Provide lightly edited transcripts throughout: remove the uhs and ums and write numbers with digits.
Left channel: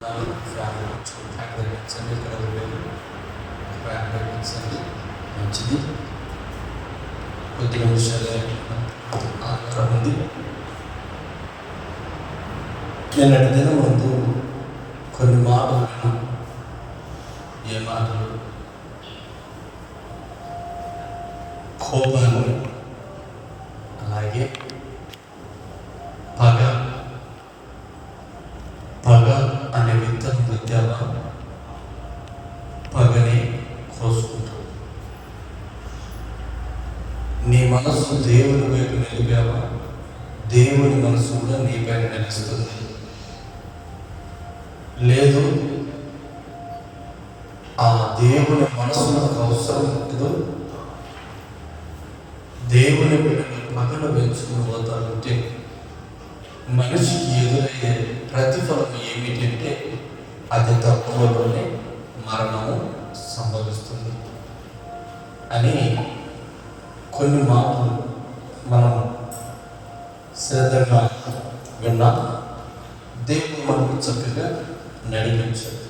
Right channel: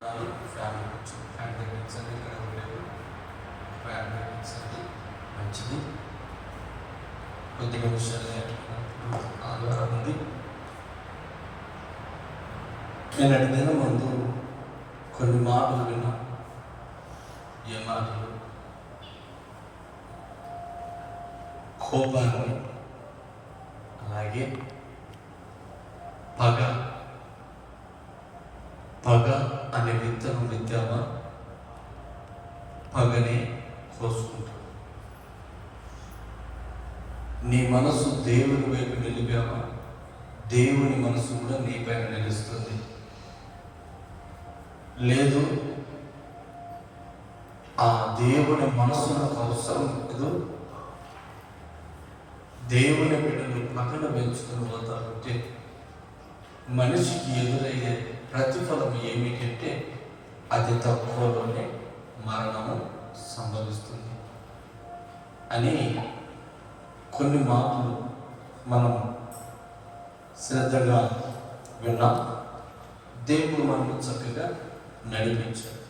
Family పెంచండి, ఇక్కడ ఉండేది ఫ్యామిలీ పెంచండి, మంచిది. కొద్ది నిమిషాలు ఆధారం ఉంది. నేను అడిగిన ముందు కొన్ని మాటలు విన్నాను. ఏ మాటలు? కోపాన్ని, అలాగే పగ అనే విత్తనం విత్తావా, పగని కోసుకుంటావు. నీ మనసు దేవుని వైపు నిలిపావా, దేవుని మనసు కూడా నీ పైన నిలుస్తుంది. లేదు, ఆ దేవుని మనసు నాకు అవసరం లేదు, దేవుని బిడ్డని పగను పెంచుకుని పోతానంటే మనిషికి ఎదురయ్యే ప్రతిఫలం ఏమిటంటే అది తక్కువలోనే మరణము సంభవిస్తుంది అని కొన్ని మాటలు మనం శ్రద్ధగా విన్నాం. దేవుడు మనకు చక్కగా నడిపించాడు.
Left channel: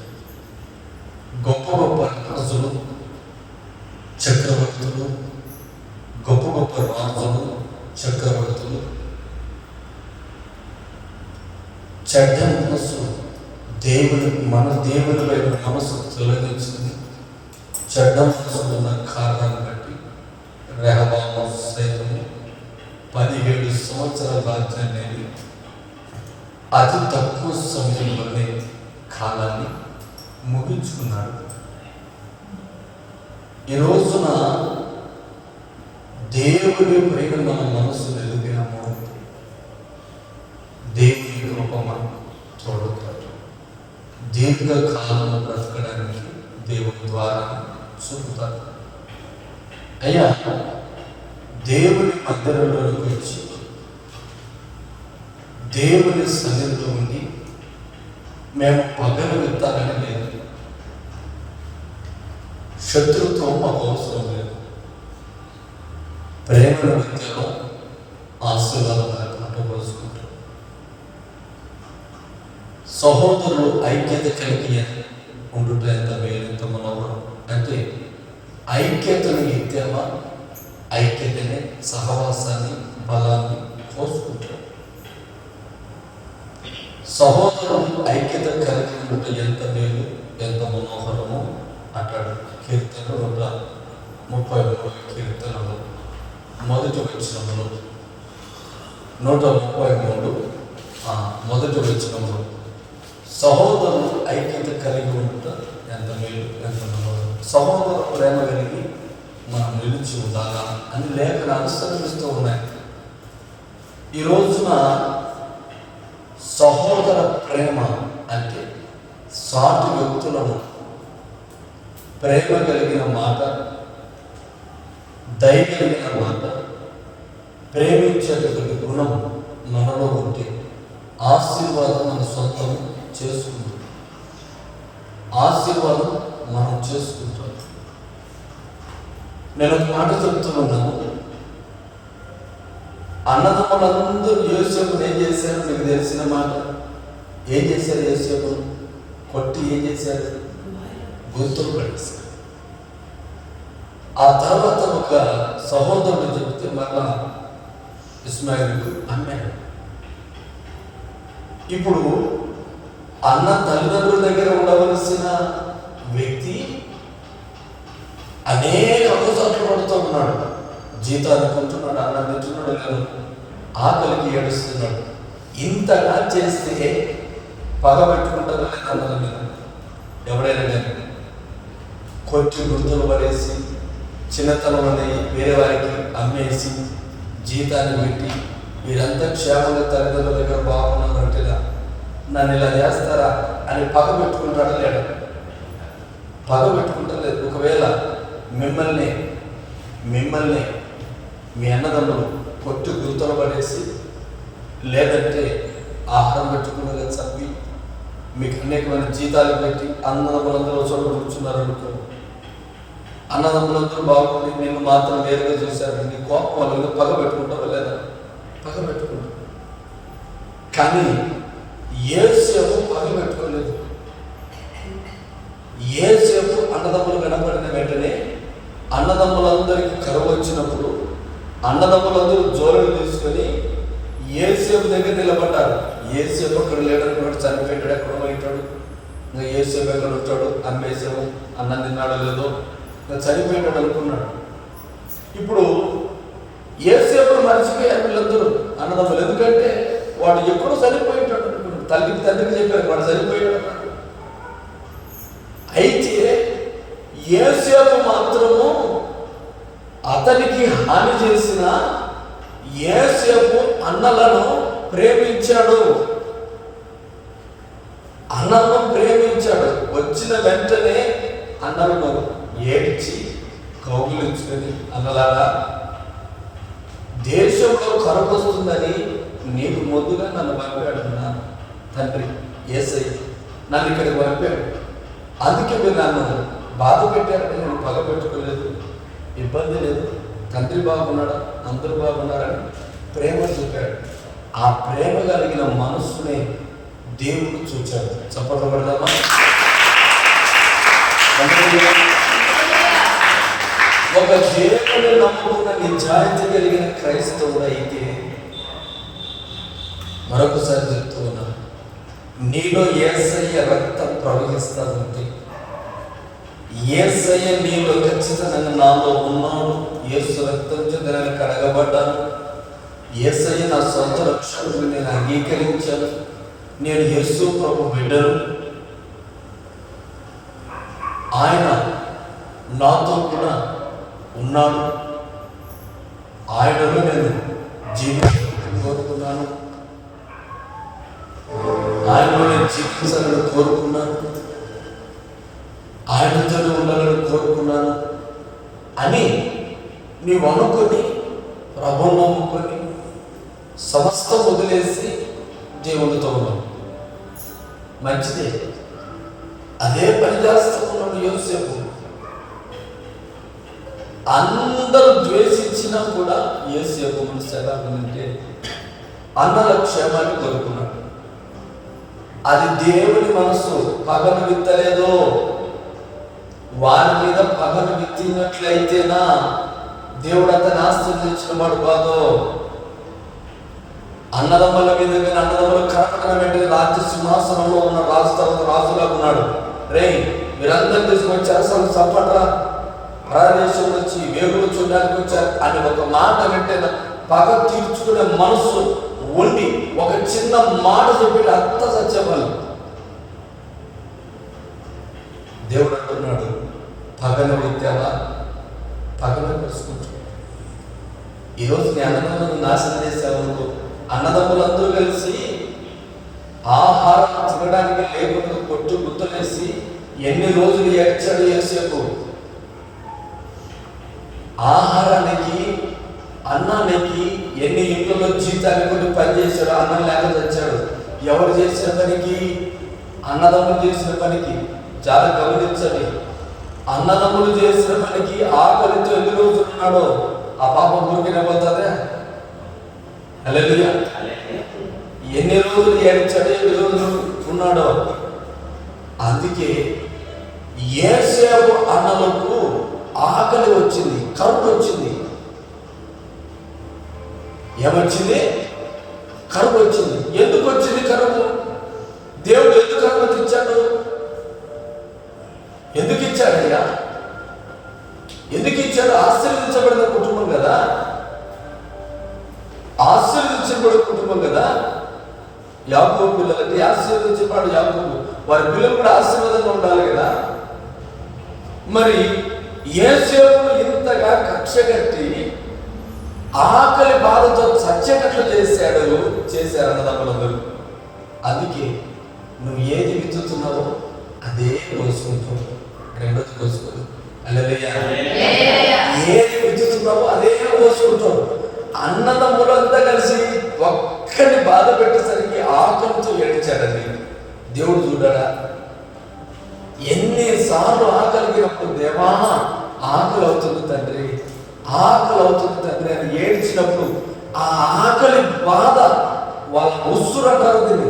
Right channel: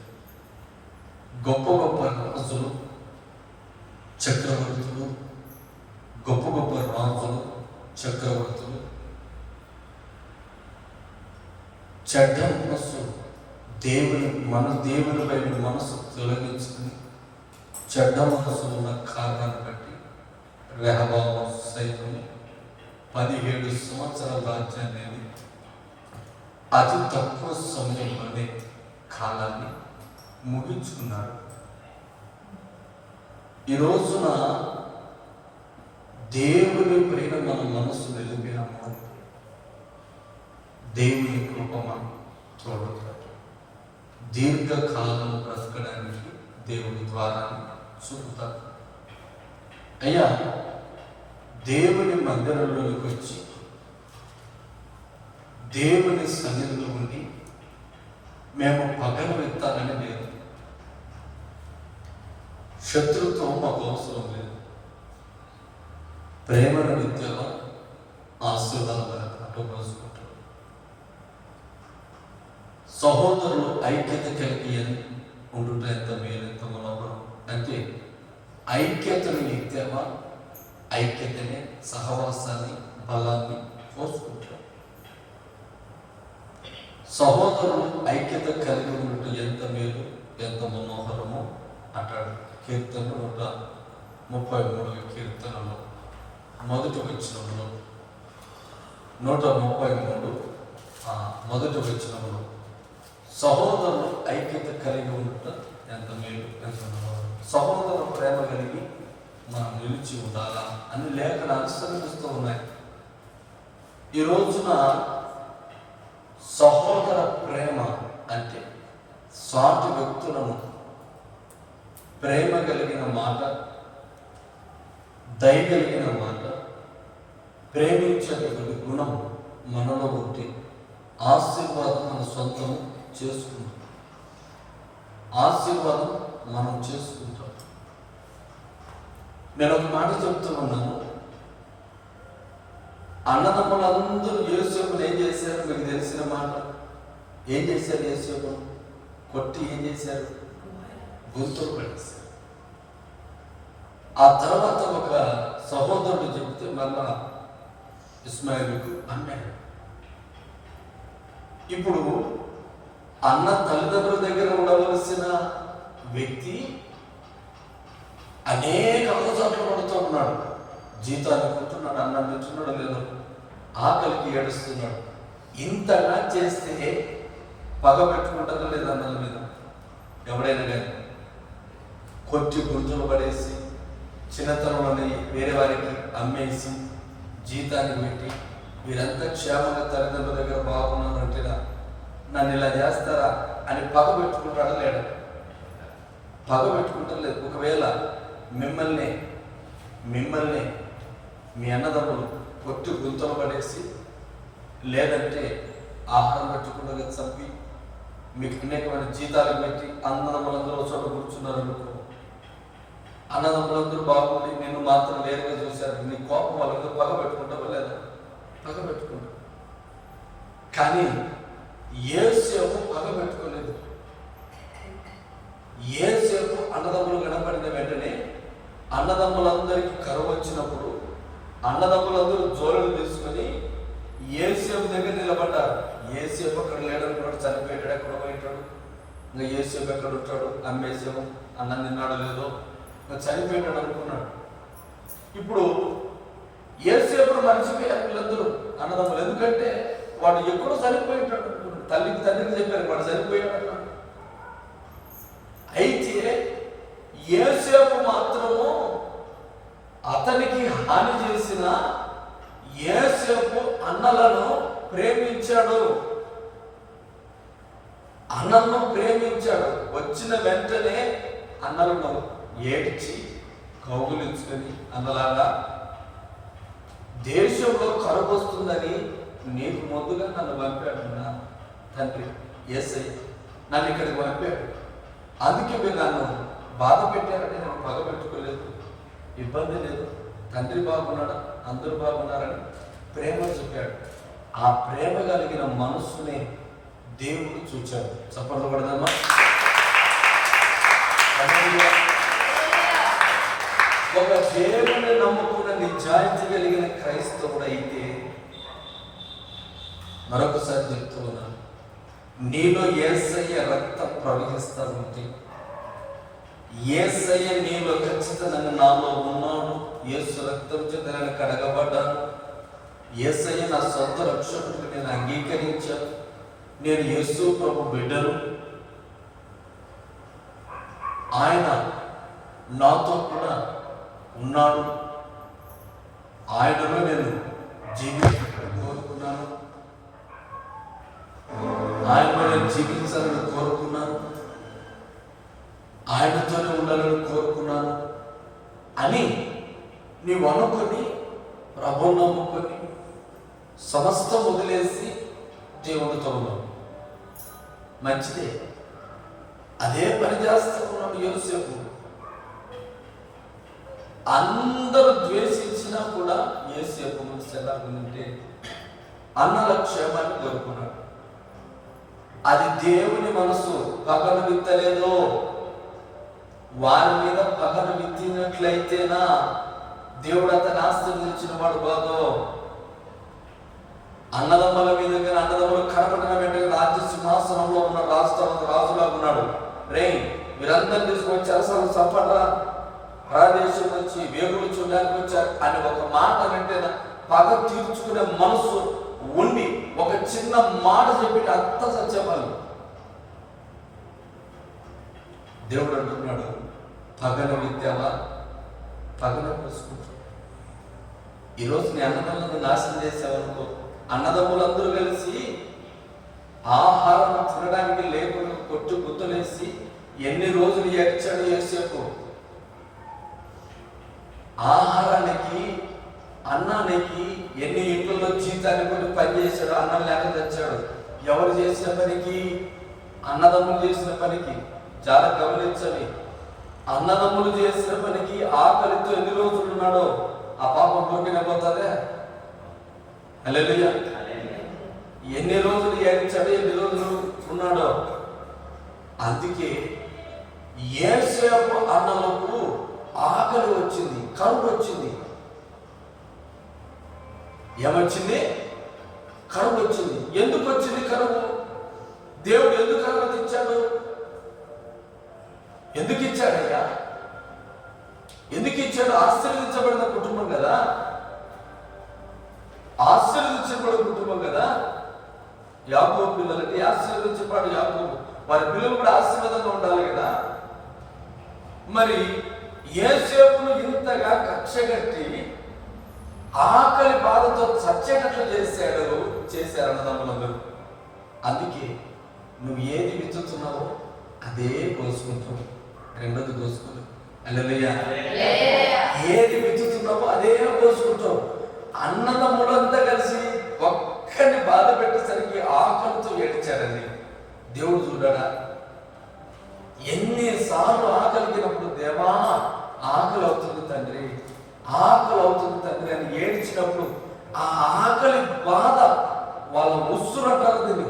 గొప్ప గొప్ప రాజులు, చక్రవర్తులు, గొప్ప గొప్ప రాజులు, చక్రవర్తులు చెడ్డ మనసు దేవుని వైపు మనసు తొలగించుకుని చెడ్డ మనసు ఉన్న కారణాన్ని బట్టి రెహబాము సైతము 17 సంవత్సరాల రాజ్యాన్ని అతి తక్కువ సమయంలోనే కాలాన్ని ముగించుకున్నాడు. ఈ రోజున దేవుని పైన మన మనసు వెలుగాము, దేవుని రూపం చూడతాడు. దీర్ఘకాలము బ్రతకడానికి దేవుని ద్వారా చూపుతాడు. అయ్యా, దేవుని మందిరంలోకి వచ్చి దేవుని సన్నిధిలో ఉండి మేము పగలు విత్తాలని లేదు, శత్రుత్వం మాకు అవసరం లేదు, ప్రేమను విత్తలో ఆశీర్వాదాలు పట్టుకోసుకుంటాం. సహోదరులు ఐక్యత కలిగి ఉండుట ఎంత మేలు, ఎంత మనోహరం. అంటే ఐక్యతను ఎత్తామా, ఐక్యతనే సహవాసాన్ని, బలాన్ని కోసుకుంటాం. సహోదరులు ఐక్యత కలిగి ఉండుట ఎంత మేలు, ఎంత మనోహరము అంటాడు. కీర్తన 133 కీర్తనలు మొదటి వచనంలో 133 మొదటి వచనంలో సహోదరులు ఐక్యత కలిగి ఉంట ఎంత మేలు, ఎంత మనోహరం. సహోదర ప్రేమ కలిగి మనం నిలిచి ఉండాలా అని లేఖలు అనుసరిస్తూ ఉన్నాయి. ఈ రోజున సహోదర ప్రేమ అంటే సాటి వ్యక్తులను ప్రేమ కలిగిన మాట, దయ కలిగిన మాట, ప్రేమించేటటువంటి గుణం మనలో ఉంటే ఆశీర్వాదం మన సొంతం చేసుకుంటాం. ఆశీర్వాదం మనం చేసుకుంటాం. నేను ఒక మాట చెప్తున్నాను. అన్నదమ్ములందరూ యోసేపుని ఏం చేశారు? మీకు తెలిసిన మాట. ఏం చేశారు? యోసేపు కొట్టి ఏం చేశారు? గొంతులు పడేశారు. ఆ తర్వాత ఒక సహోదరుడు చెప్తే మళ్ళా ఇస్మాయిల్కు అమ్మాడు. ఇప్పుడు అన్న తల్లిదండ్రుల దగ్గర ఉండవలసిన వ్యక్తి అనేక అవసరాలు పడుతూ ఉన్నాడు. జీతాలు కొంటున్నాడు, అన్నం తింటున్నాడు, లేదు ఆకలికి ఏడుస్తున్నాడు. ఇంతగా చేస్తే పగ పెట్టుకుంటారా లేదా అన్నల మీద? ఎవడైనా కానీ కొట్టి గుర్తులు పడేసి చిన్నతనం అని వేరే వారికి అమ్మేసి జీతాన్ని పెట్టి వీరంతా క్షేమంగా తల్లిదండ్రుల దగ్గర బాగున్నారు అంటే నన్ను ఇలా చేస్తారా అని పగ పెట్టుకుంటాడా లేడు? పగ పెట్టుకుంటా లేదు. ఒకవేళ మిమ్మల్ని మీ అన్నదమ్ములు కొట్టి గుంతలు పడేసి లేదంటే ఆహారం పెట్టుకుని చంపి మీకు అనేకమైన జీతాలు పెట్టి అన్నదమ్ములందరూ చోట కూర్చున్నారు అనుకో, అన్నదమ్ములందరూ బాగుంది, నేను మాత్రం వేరుగా చూశారు, నీ కోపం వాళ్ళ మీద పగ పెట్టుకుంటావా లేదా? పగ పెట్టుకుంటా. కానీ యేసు పగ పెట్టుకోలేదు. అన్నదమ్ములందరికీ కరువు వచ్చినప్పుడు అన్నదమ్ములందరూ జోలులు తీసుకొని యేసేపు దగ్గర నిలబడ్డారు. యేసేపు అక్కడ లేడనుకున్నాడు, చనిపోయాడు, ఎక్కడ పోయింటాడు, ఇంకా యేసేపు ఎక్కడ ఉంటాడు, అమ్మేసాము, అన్నం తిన్నాడో లేదో, ఇంకా చనిపోయినాడు అనుకున్నాడు. ఇప్పుడు యేసేపును మర్చిపోయారు వీళ్ళందరూ అన్నదమ్ములు. ఎందుకంటే వాడు ఎప్పుడు చనిపోయింటాడు అనుకున్నాడు. తండ్రికి చెప్పారు వాడు చనిపోయాడు అన్నాడు. అయితే యేసేపు మాత్రము అతనికి హాని చేసిన యేసేపు అన్నలను ప్రేమించాడు. అన్నలను ప్రేమించాడు. వచ్చిన వెంటనే అన్నలను ఏడ్చి కౌగిలించుకొని, అన్నలాగా దేశంలో కరువు వస్తుందని నీకు ముందుగా నన్ను పంపాడు నా తండ్రి యేసయ్య, నన్ను ఇక్కడికి పంపాడు. అందుకే మీరు నన్ను బాధ పెట్టారని నేను పగ పెట్టుకోలేదు, ఇబ్బంది లేదు, తండ్రి బాగున్నాడా, అందరూ బాగున్నారని ప్రేమ చూపాడు. ఆ ప్రేమ కలిగిన మనస్సుని దేవుడు చూచాడు. చప్పట్లు కొడదామా? ఒక దేవుని నమ్ముకున్న నిజాయితీ కలిగిన క్రైస్తవుడు అయితే, మరొకసారి చెప్తూ ఉన్నాను, నీలో యేసయ్య రక్తం ప్రవహిస్తూ ఉంటే, యేసయ్య నీలో ఖచ్చితంగా నాలో ఉన్నాడు, యేసు రక్తం చేత నేను కడగబడ్డాను, యేసయ్య నా సొంత రక్షకుడిని నేను అంగీకరించాను, నేను యేసు ప్రభు బిడ్డను, ఆయన నాతో కూడా ఉన్నాడు, ఆయనలో నేను జీవించాలని కోరుకున్నాను, ఆయనలో నేను జీవించాలని కోరుకున్నాను, ఆయనతో ఉండాలని కోరుకున్నాను అని నీవు అనుకొని ప్రభువును నమ్ముకొని సమస్తం వదిలేసి దేవునితో ఉన్నావు. మంచిదే. అదే పని చేస్తూ ఉన్నాడు యోసేపు. అందరూ ద్వేషించినా కూడా యోసేపు మనసు ఎలా ఉందంటే అన్నల క్షేమాన్ని కోరుకున్నాడు. అది దేవుని మనసు. పగను విత్తలేదో, వారి మీద పగను విత్తినట్లయితేనా దేవుడు అతను ఆశీర్వదించిన వాడు కాదో. అన్నదమ్ముల మీద కానీ అన్నదమ్ములు కనపడిన వెంటనే రాజ్య సింహాసనంలో ఉన్న రాజు తర్వాత రాజులా ఉన్నాడు. రే మీరందరూ తీసుకొచ్చి అసలు సపట్ల పరదేశం వచ్చి వేగులు చూడడానికి వచ్చారు అని ఒక మాట వెంటనే పగ తీర్చుకునే మనస్సు ఉండి ఒక చిన్న మాట చెప్పి అంత సత్యఫలం. దేవుడు అంటున్నాడు, పగన విత్యాలా, పగన వేసుకుంటా. ఈరోజు నీ అన్నదమ్ములను నాశనం చేసావు. అన్నదమ్ములందరూ కలిసి ఆహారం తినడానికి లేకుండా కొట్టు గుర్తులేసి ఎన్ని రోజులు ఏడ్చాడు యేసేపు. ఆహారానికి అన్నానికి ఎన్ని ఇంట్లో జీతానికి కూడా పనిచేశాడు, అన్నం లేక తెచ్చాడు. ఎవరు చేసిన పనికి? అన్నదమ్ములు చేసిన పనికి. చాలా గమనించండి, అన్నదమ్ములు చేసిన పనికి ఆకలితో ఎన్ని రోజులు ఉన్నాడో ఆ పాపం ఊరికిన పోతుందే. హల్లెలూయా. ఎన్ని రోజులు ఏడ్చాడో, ఎన్ని రోజులు ఉన్నాడో. అందుకే యేసేపు అన్నలకు ఆకలి వచ్చింది, కరువు వచ్చింది. ఏమొచ్చింది? కరువు వచ్చింది. ఎందుకు వచ్చింది కరువు? దేవుడు ఎందుకు అనుమతి ఇచ్చాడు? ఎందుకు ఇచ్చాడయ్యా? ఎందుకు ఇచ్చాడు? ఆశీర్వదించబడిన కుటుంబం కదా, ఆశీర్వదించబడిన కుటుంబం కదా. యాకోబు పిల్లలకి ఆశీర్వదించబడు యాకోబు, వారి పిల్లలు కూడా ఆశీర్వాదంగా ఉండాలి కదా. మరి యేసేపును ఇంతగా కక్ష కట్టి ఆకలి బాధతో చచ్చేటట్లు చేశారు అన్నదమ్ములందరూ. అందుకే నువ్వు ఏది విత్తుతున్నావో అదే కోసుకుంటావు, రెండోది కోసుకోదు. హల్లెలూయా. ఏది విత్తుతున్నావో అదే కోసుకుంటావు. అన్నదమ్ములంతా కలిసి ఒక్కడిని బాధ పెట్టేసరికి ఆకలితో ఏడ్చాడండి. దేవుడు చూడడా? ఎన్నిసార్లు ఆకలిగినప్పుడు, దేవా ఆకలి అవుతుంది తండ్రి, ఆకలి అవుతుంది తండ్రి అని ఏడ్చినప్పుడు ఆ ఆకలి బాధ వాళ్ళ ఉస్సురు అంటారు దీన్ని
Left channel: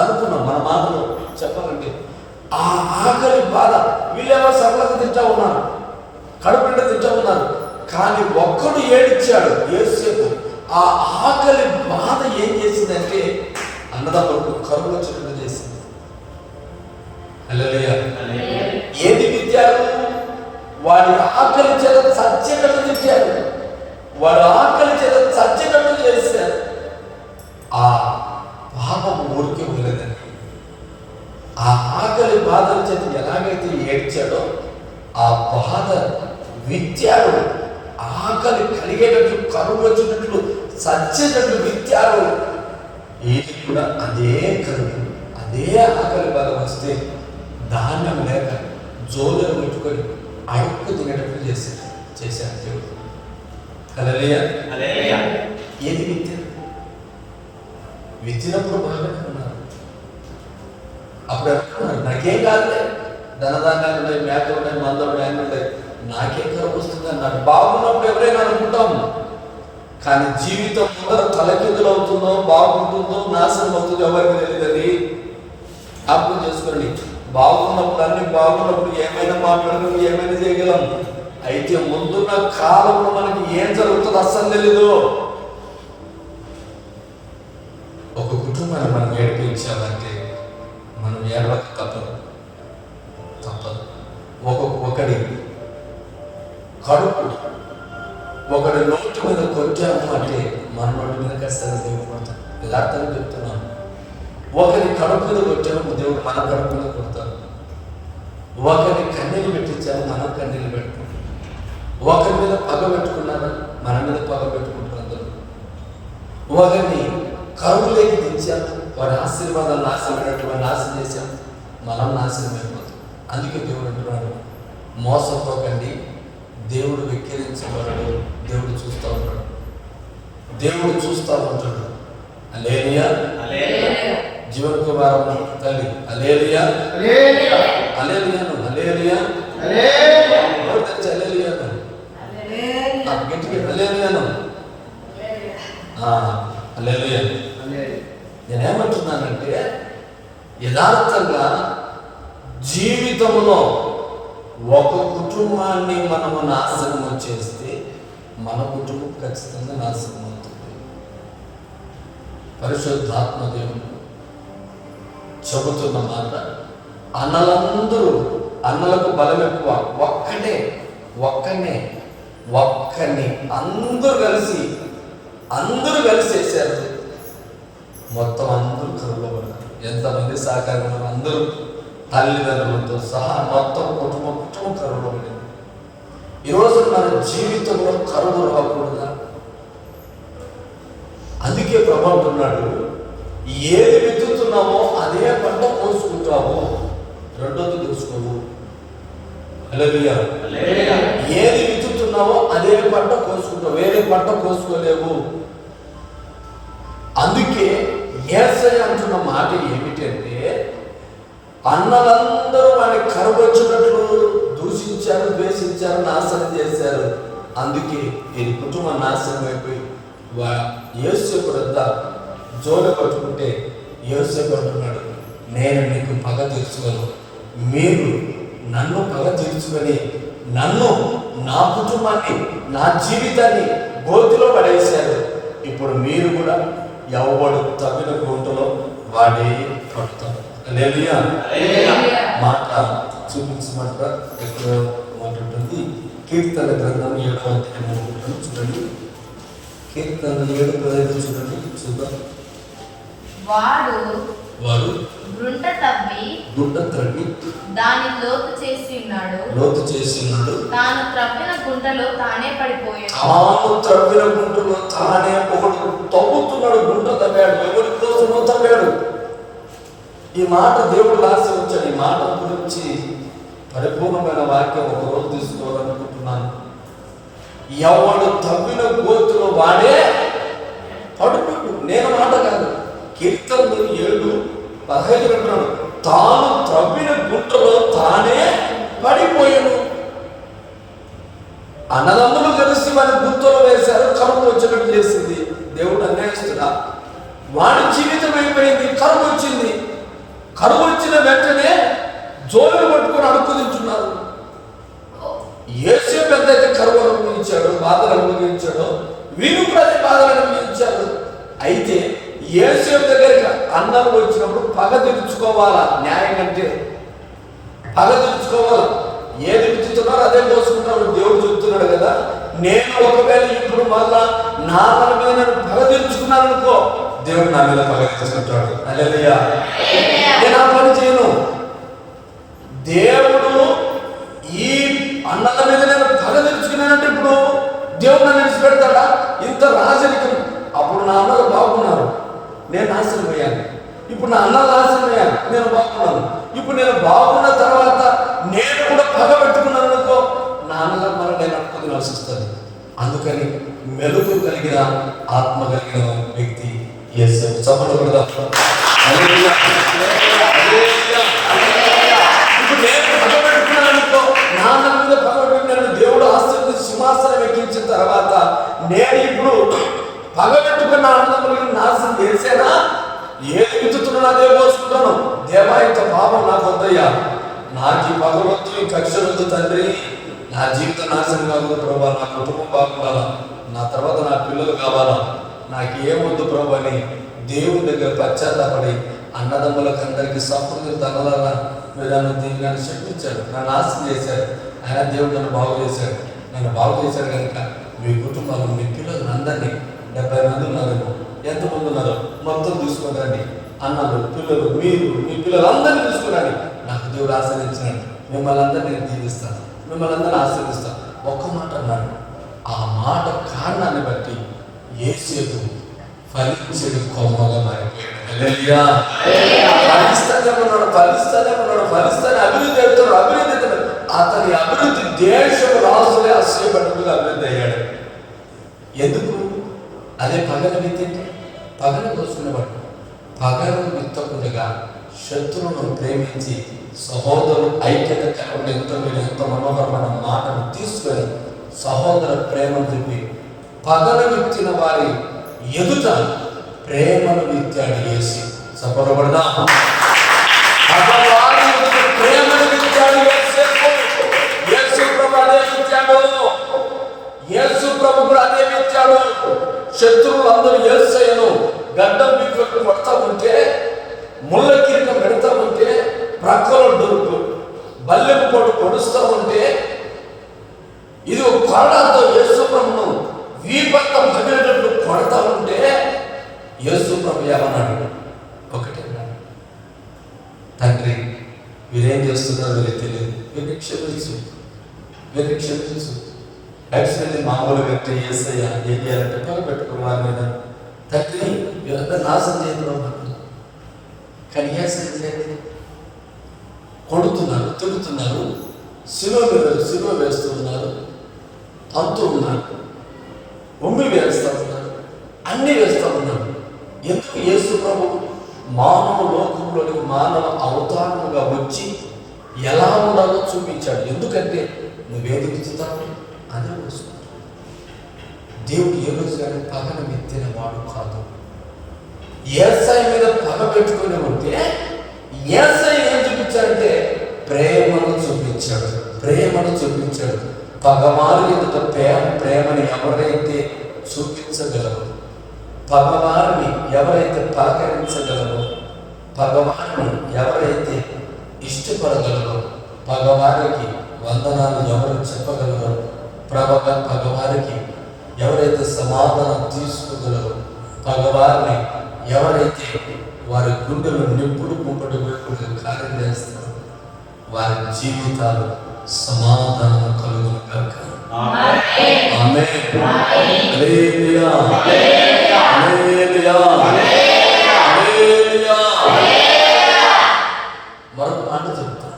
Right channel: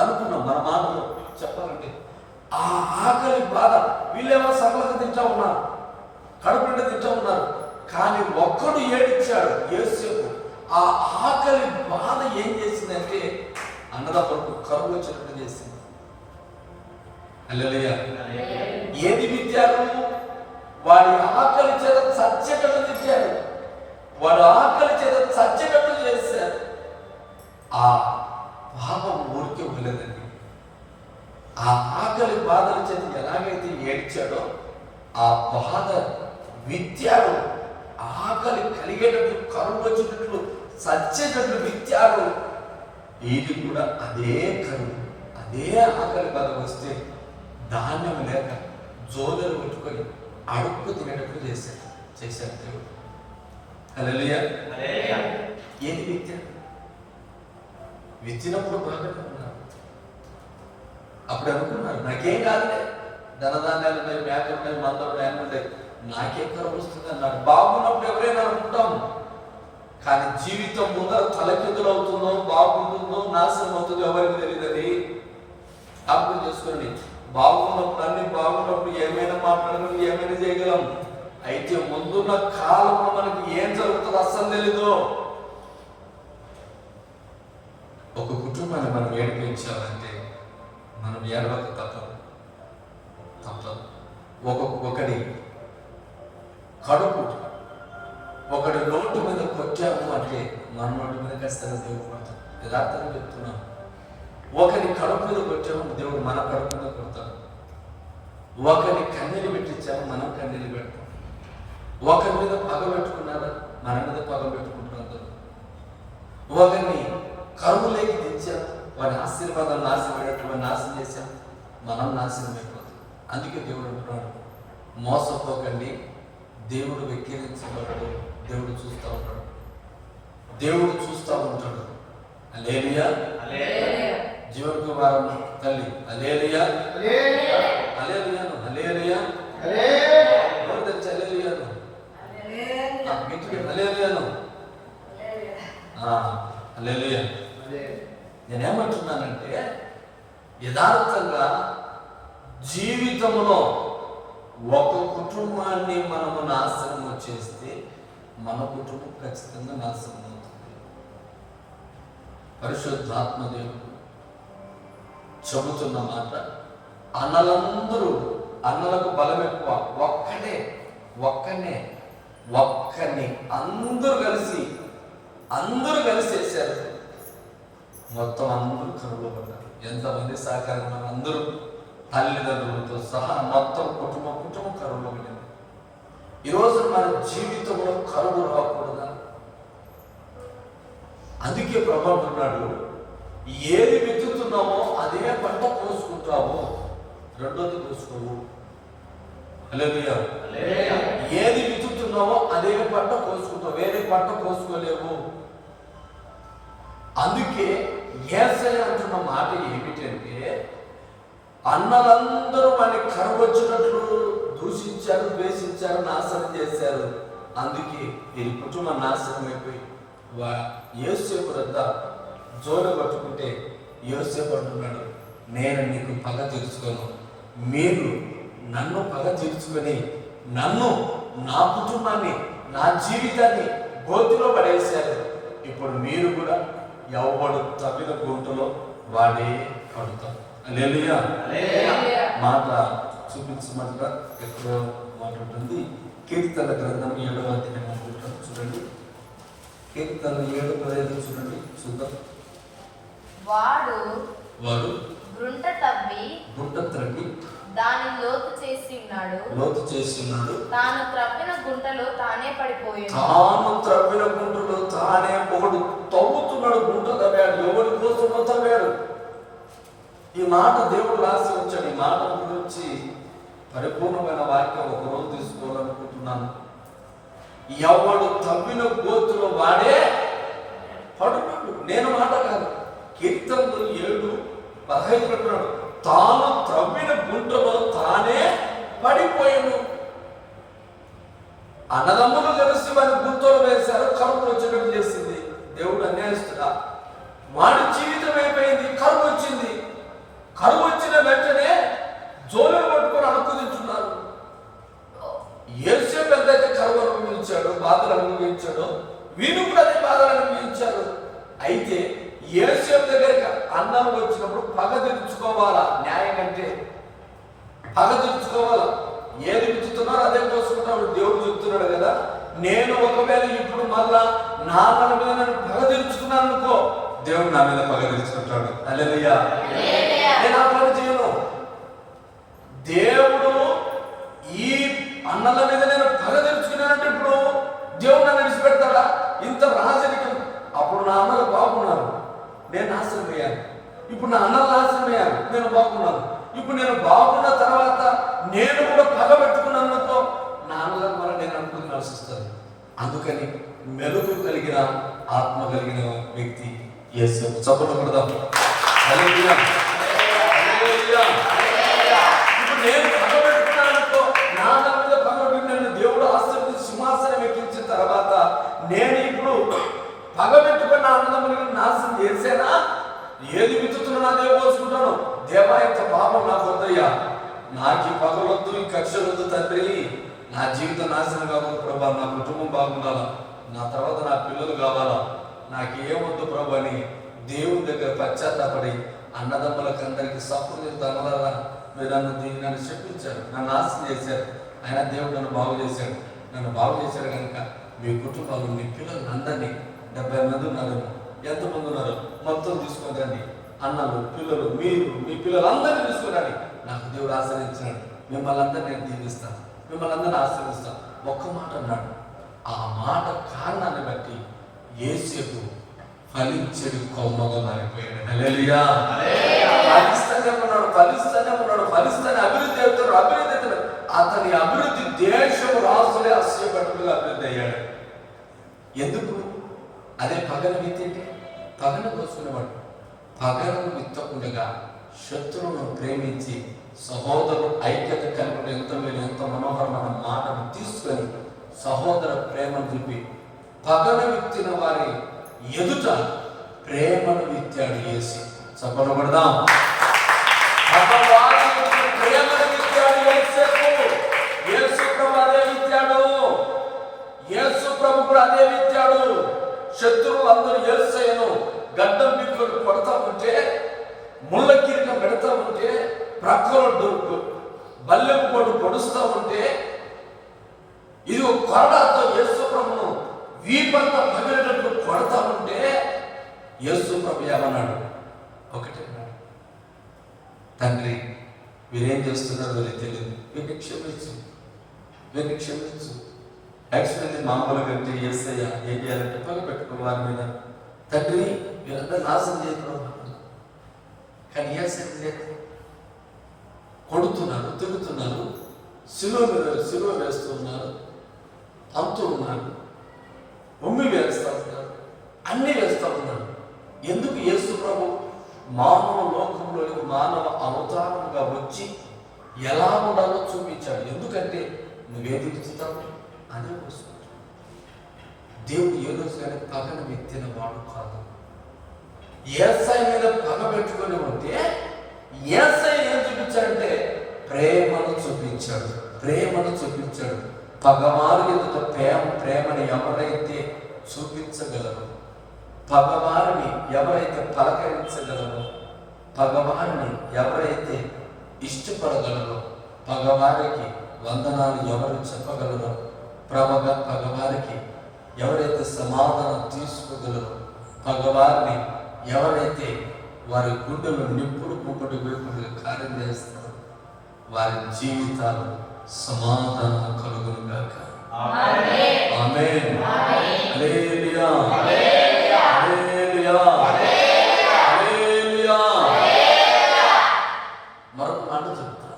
అనుకున్నాం మన మాటలో చెప్పాలంటే. ఆ ఆకలి బాధ, వీళ్ళేమో సరళత తింటా ఉన్నారు, కడుపు నిండా తింటామన్నారు. కానీ ఒక్కడు ఏడిచ్చాడు యోసేపు. ఆ ఆకలి బాధ ఏం చేసిందంటే అన్నదమ్ములకు కరువు వచ్చినట్టు చేసింది. హల్లెలూయా. ఏది విద్యారు? వాడి ఆకలి చేత చచ్చేటట్టు తిట్టారు, వాడి ఆకలి చేత చచ్చేటట్టు చేశారు. ఆ పాపం ఊరికే ఉండలేదండి. ఆ ఆకలి బాధల చేత ఎలాగైతే ఏడ్చాడో ఆ బాధ విత్యారు. ఆకలి కలిగేటట్లు, కరువు వచ్చినట్లు, చచ్చేటట్లు విత్యారు. ఇది కూడా అదే కరువు, అదే ఆకలి బాధ వస్తే ధాన్యం లేక జోలులు పెట్టుకొని అడుక్కు తినేటట్లు చేశారు దేవుడు. హల్లెలూయా. ఏది విత్యారు? విత్తినప్పుడు బాగానే ఉన్నారు. అప్పుడు అనుకున్నారు నాకేం కాదులే, ధనధాన్యాలు ఉన్నాయి, మేకలు ఉన్నాయి, మందలు ఉన్నాయి, అన్నీ ఉన్నాయి, నాకేం కరువు వస్తుంది అన్నాడు. బాగున్నప్పుడు ఎవరైనా అనుకుంటాము. కానీ జీవితం ముందర తలకిందులు అవుతుందో, బాగుంటుందో, నాశనం అవుతుందో ఎవరికి తెలియదండి. అప్పుడు చేసుకోండి. బాగున్నప్పుడు అన్ని బాగున్నప్పుడు ఏమైనా మాట్లాడగలం, ఏమైనా చేయగలం. అయితే ముందున్న కాలంలో మనకి ఏం జరుగుతుందో అస్సలు తెలీదు. ఒక కుటుంబాన్ని మనం ఏడిపించామంటే మనం ఏడవక తప్పదు. ఒకడి కడుపు ఒకడి నోటి మీద కొట్టాము అంటే మన నోటి మీద ఖచ్చితంగా దేవుడు కొడతాడు. యథార్థంగా చెప్తున్నాను. ఒకరి కడుపు మీద కొట్టాము, దేవుడు మన కడుపు మీద కొడతాడు. ఒకరిని కన్నీళ్ళు పెట్టించాము, మనం కన్నీళ్ళు పెట్టుకుంటాం. ఒకరి మీద పగ పెట్టుకున్నాను, మన మీద పగ పెట్టుకుంటున్నారు. ఒకరిని కరువులేకి దించాము, వాడి ఆశీర్వాదాలు నాశనమైనట్టు నాశనం చేశాము, మనం నాశనం అయిపోతాం. అందుకే దేవుడు అంటున్నాడు, మోసపోకండి, దేవుడు వెక్కిరించబడడు, దేవుడు చూస్తూ ఉంటాడు, దేవుడు చూస్తూ ఉంటాడు. హల్లెలూయా. జీవన కుమారమ్మ తల్లి హల్లెలూయా, హల్లెలూయాను, హల్లెలూయా, ఎవరు తెచ్చి హల్లెలూయాను, గట్టిగా హల్లెలూయాను, హల్లెలూయా. నేనేమంటున్నానంటే యథార్థంగా జీవితంలో ఒక కుటుంబాన్ని మనము నాశనం చేస్తే మన కుటుంబం ఖచ్చితంగా నాశనం అవుతుంది. పరిశుద్ధాత్మ దేవుడు చెబుతున్న మాట, అన్నలకు బలం ఎక్కువ, ఒక్కనే అందరూ కలిసి వేశారు. మొత్తం అందరూ కరువులో పడ్డారు. ఎంతమంది సహకారం, అందరూ తల్లిదండ్రులతో సహా మొత్తం కుటుంబం కరువులో పడింది. ఈరోజు మన జీవితంలో కరువు రాకూడదా? అందుకే ప్రభు అంటున్నాడు, ఏది విత్తుతున్నామో అదే పంట కోసుకుంటావు, రెండోది తెలుసుకోవు. హల్లెలూయా. ఏది విత్తుతున్నావో అదే పంట కోసుకుంటావు, వేరే పంట కోసుకోలేవు. అందుకే యేసయ్య అంటున్న మాట ఏమిటంటే, అన్నలందరూ వాడిని కరువు వచ్చినట్లు దూషించారు, ద్వేషించారు, నాశనం చేశారు. అందుకే ఈ కుటుంబం నాశనం అయిపోయి యోసేపు వద్ద జోలు పట్టుకుంటే యోసేపు అంటున్నాడు, నేను నీకు పగ తీర్చుకోను, మీరు నన్ను పగ తీర్చుకొని నన్ను, నా కుటుంబాన్ని, నా జీవితాన్ని గోతిలో పడేశారు. ఇప్పుడు మీరు కూడా ఎవడు తగిన గుంటలో వాడే పడతాం. హల్లెలూయా. మాట చూపించమంటారా? ఎక్కువ మాట ఉంటుంది. కీర్తన గ్రంథం 7వ అధ్యాయం చూడండి. కీర్తన 7:15 చూడండి, చూద్దాం. వాడు గుంట త్రవ్వి దాని లోతు చేసి ఉన్నాడు. తాను త్రవ్విన గుంటలో తానే ఒకడు తవ్వుతున్నాడు, గుంట తవ్వాడు, ఎవరి కోసమో తవ్వాడు. ఈ మాట దేవుడు రాసి వచ్చాడు. ఈ మాట గురించి పరిపూర్ణమైన వాక్యం ఒకరోజు తీసుకోవాలనుకుంటున్నాను. ఎవడు తవ్విన గోతులో వాడే పడుకోడు. నేను మాట కాదు, కీర్తనలు 7:15 అంటున్నాడు, తాను త్రవ్విన గుంటలో తానే పడిపోయాను. అన్నదమ్ములు కలిసి వారి గుంతలో వేశారు, కరువు వచ్చినట్టు చేసింది. దేవుడు అన్యాయిస్తున్నా, వాడి జీవితం అయిపోయింది. కరువు వచ్చింది. కరువు వచ్చిన వెంటనే జోలులు పట్టుకొని అడుక్కు తింటున్నారు. యేసేపు అయితే కరువు అనుభవించాడు, బాధలు అనుభవించాడో వీరు కూడా అదే బాధలు అనుభవించారు. అయితే యేసేపు దగ్గరికి అన్నలు వచ్చినప్పుడు పగ తీర్చుకోవాలా. న్యాయం అంటే పగ తీర్చుకోవాలా. ఏది విత్తుతున్నారో అదే కోసుకుంటున్నాడు. దేవుడు చెప్తున్నాడు కదా, నేను ఒకవేళ ఇప్పుడు మళ్ళా నా అన్నల మీద నేను పగ తీర్చుకున్నాను అనుకో, దేవుడు నా మీద పగ తీర్చుకుంటాడు. హల్లెలూయా. నేను ఆ పని చేయను. దేవుడు ఈ అన్నల మీద నేను పగ తీర్చుకున్నానంటే ఇప్పుడు దేవుడు నన్ను విడిచిపెడతాడా? ఇంత రాజరికం. అప్పుడు నా అన్నలు బాగున్నారు, నేను నాశనం అయ్యాను. ఇప్పుడు నా అన్నలు నాశనం అయ్యాను, నేను బాగున్నాను. ఇప్పుడు నేను బాగున్న తర్వాత నేను కూడా పగ పెట్టుకున్నాను అనుకో, నా అన్నల వల్ల నేను అనుకుని ఆశిస్తాను. అందుకని మెలుగు కలిగిన ఆత్మ కలిగిన వ్యక్తి యేసేపు. చప్పట్లు కొడదాం. హల్లెలూయా. ఇప్పుడు నేను పగ పెట్టుకున్నాను అనుకో, నా అన్నల మీద పగ పెట్టుకున్నాను. దేవుడు ఆశీర్వదించి సింహాసనం ఎక్కించిన తర్వాత నేను ఇప్పుడు పగ పెట్టుకున్న అన్నదమ్ములను నాశనం చేసేనా? ఏది విత్తుతున్నా అదే కోసుకుంటాను. దేవా, ఇంత పాపం నాకు వద్దయ్యా, నాకు ఈ పగలొద్దు, ఈ కక్షలొద్దు తండ్రి, నా జీవితం నాశనం కాదు ప్రభా, నా కుటుంబం బాగుండాలా, నా తర్వాత నా పిల్లలు కావాలా, నాకు ఏమొద్దు ప్రభు అని దేవుని దగ్గర పశ్చాత్తాపడి అన్నదమ్ములకు అందరికీ సపోర్ట్ తనలాగా మీరు నన్ను చెప్పించాడు, నన్ను నాశనం చేశారు. ఆయన దేవుడు నన్ను బాగు చేశాడు. నన్ను బాగు చేశాడు కనుక మీ కుటుంబాలు, మీ పిల్లలు అందరినీ 70 మంది ఉన్నారేమో, ఎంతమంది ఉన్నారో మొత్తం తీసుకురండి. అన్నలు, పిల్లలు, మీరు, మీ పిల్లలు అందరినీ తీసుకురండి. నాకు దేవుడు ఆశీర్వదించినాడు. మిమ్మల్ని అందరినీ నేను దీవిస్తాను, మిమ్మల్ని అందరినీ ఆశీర్వదిస్తాను. ఒక్క మాట అన్నాడు. ఆ మాట కారణాన్ని బట్టి యేసేపు ఫలించడు కొమ్మగా మారిపోయాడు. హల్లెలూయా. ఫలిస్తానే ఉన్నాడు, ఫలిస్తానే అభివృద్ధి అవుతున్నాడు, అభివృద్ధి అవుతున్నాడు. అతని అభివృద్ధి దేశం రాజులే ఆశ్చర్యపడుతుగా అభివృద్ధి అయ్యాడు. ఎందుకు? అదే పగను విత్తింటే పగను దోచుకునేవాడు. పగను విత్తకుండా శత్రువును ప్రేమించి సహోదరులు ఐక్యత కలపడం ఎంతో మనోహరమైన మాటను తీసుకొని సహోదర ప్రేమను చూపి పగను విత్తిన వారి ఎదుట ప్రేమను విత్తాడు యేసు. సఫలపడదాం. ప్రేమను విత్తాడు యేసు ప్రభు, అదే విత్తాడు. యేసు ప్రభు కూడా అదే విత్తాడు. శత్రువులు అందరూ యేసయ్యను గడ్డం పిక్కులకు కొడతా ఉంటే, ముళ్ళ కిరీటం పెడతా ఉంటే, ప్రక్కలో దొరుకు బల్లెపు పొడు పొడుస్తూ ఉంటే, ఇది ఒక కొరడాతో యేసు ప్రభును వీపంతా పగిలేటట్టు కొడతా ఉంటే యేసు ప్రభు ఏమన్నాడు? ఒకటే అన్నాడు, తండ్రి వీరేం చేస్తున్నారో వీరికి తెలియదు, వీరికి క్షమించు. యాక్చువల్లీ మామూలుగా అంటే యేసయ్య ఏం చేయాలంటే పగ పెట్టుకున్న వారి మీద, తండ్రి వీళ్ళంతా నాశనం చేయడం. కానీ యేసయ్య లేదు, కొడుతున్నారు, తిడుతున్నారు, సిలువ వేస్తూ ఉన్నారు, తంతు ఉన్నారు, ఉమ్మి వేస్తూ ఉన్నారు, అన్నీ వేస్తూ ఉన్నారు. ఎందుకు? యేసు ప్రభు మానవ లోకంలోని మానవ అవతారముగా వచ్చి ఎలా ఉండాలో చూపించాడు. ఎందుకంటే నువ్వేది విత్తుతావు అదే వస్తుంది. దేవుడు ఏ రోజు కానీ పగను విత్తిన వాడు కాదు. యేసయ్య మీద పగ పెట్టుకుని ఉంటే యేసయ్య ఏం చూపించాడంటే ప్రేమను చూపించాడు. పగవారి ఎదుట ప్రేమని ఎవరైతే చూపించగలరో, పగవారిని ఎవరైతే పలకరించగలరో, పగవారిని ఎవరైతే ఇష్టపడగలరో, పగవారికి వందనాలు ఎవరు చెప్పగలరో, పగవారికి ఎవరైతే సమాధానం తీసుకోగలరో, పగవారిని ఎవరైతే వారి గుండెలు నిప్పుడు కుంపటి వేపుడుగా కార్యం చేస్తారో, వారి జీవితాలు సమాధానం కలుగును గాక. ఆమేన్. హల్లెలూయా. మరొక మాట చెప్తా.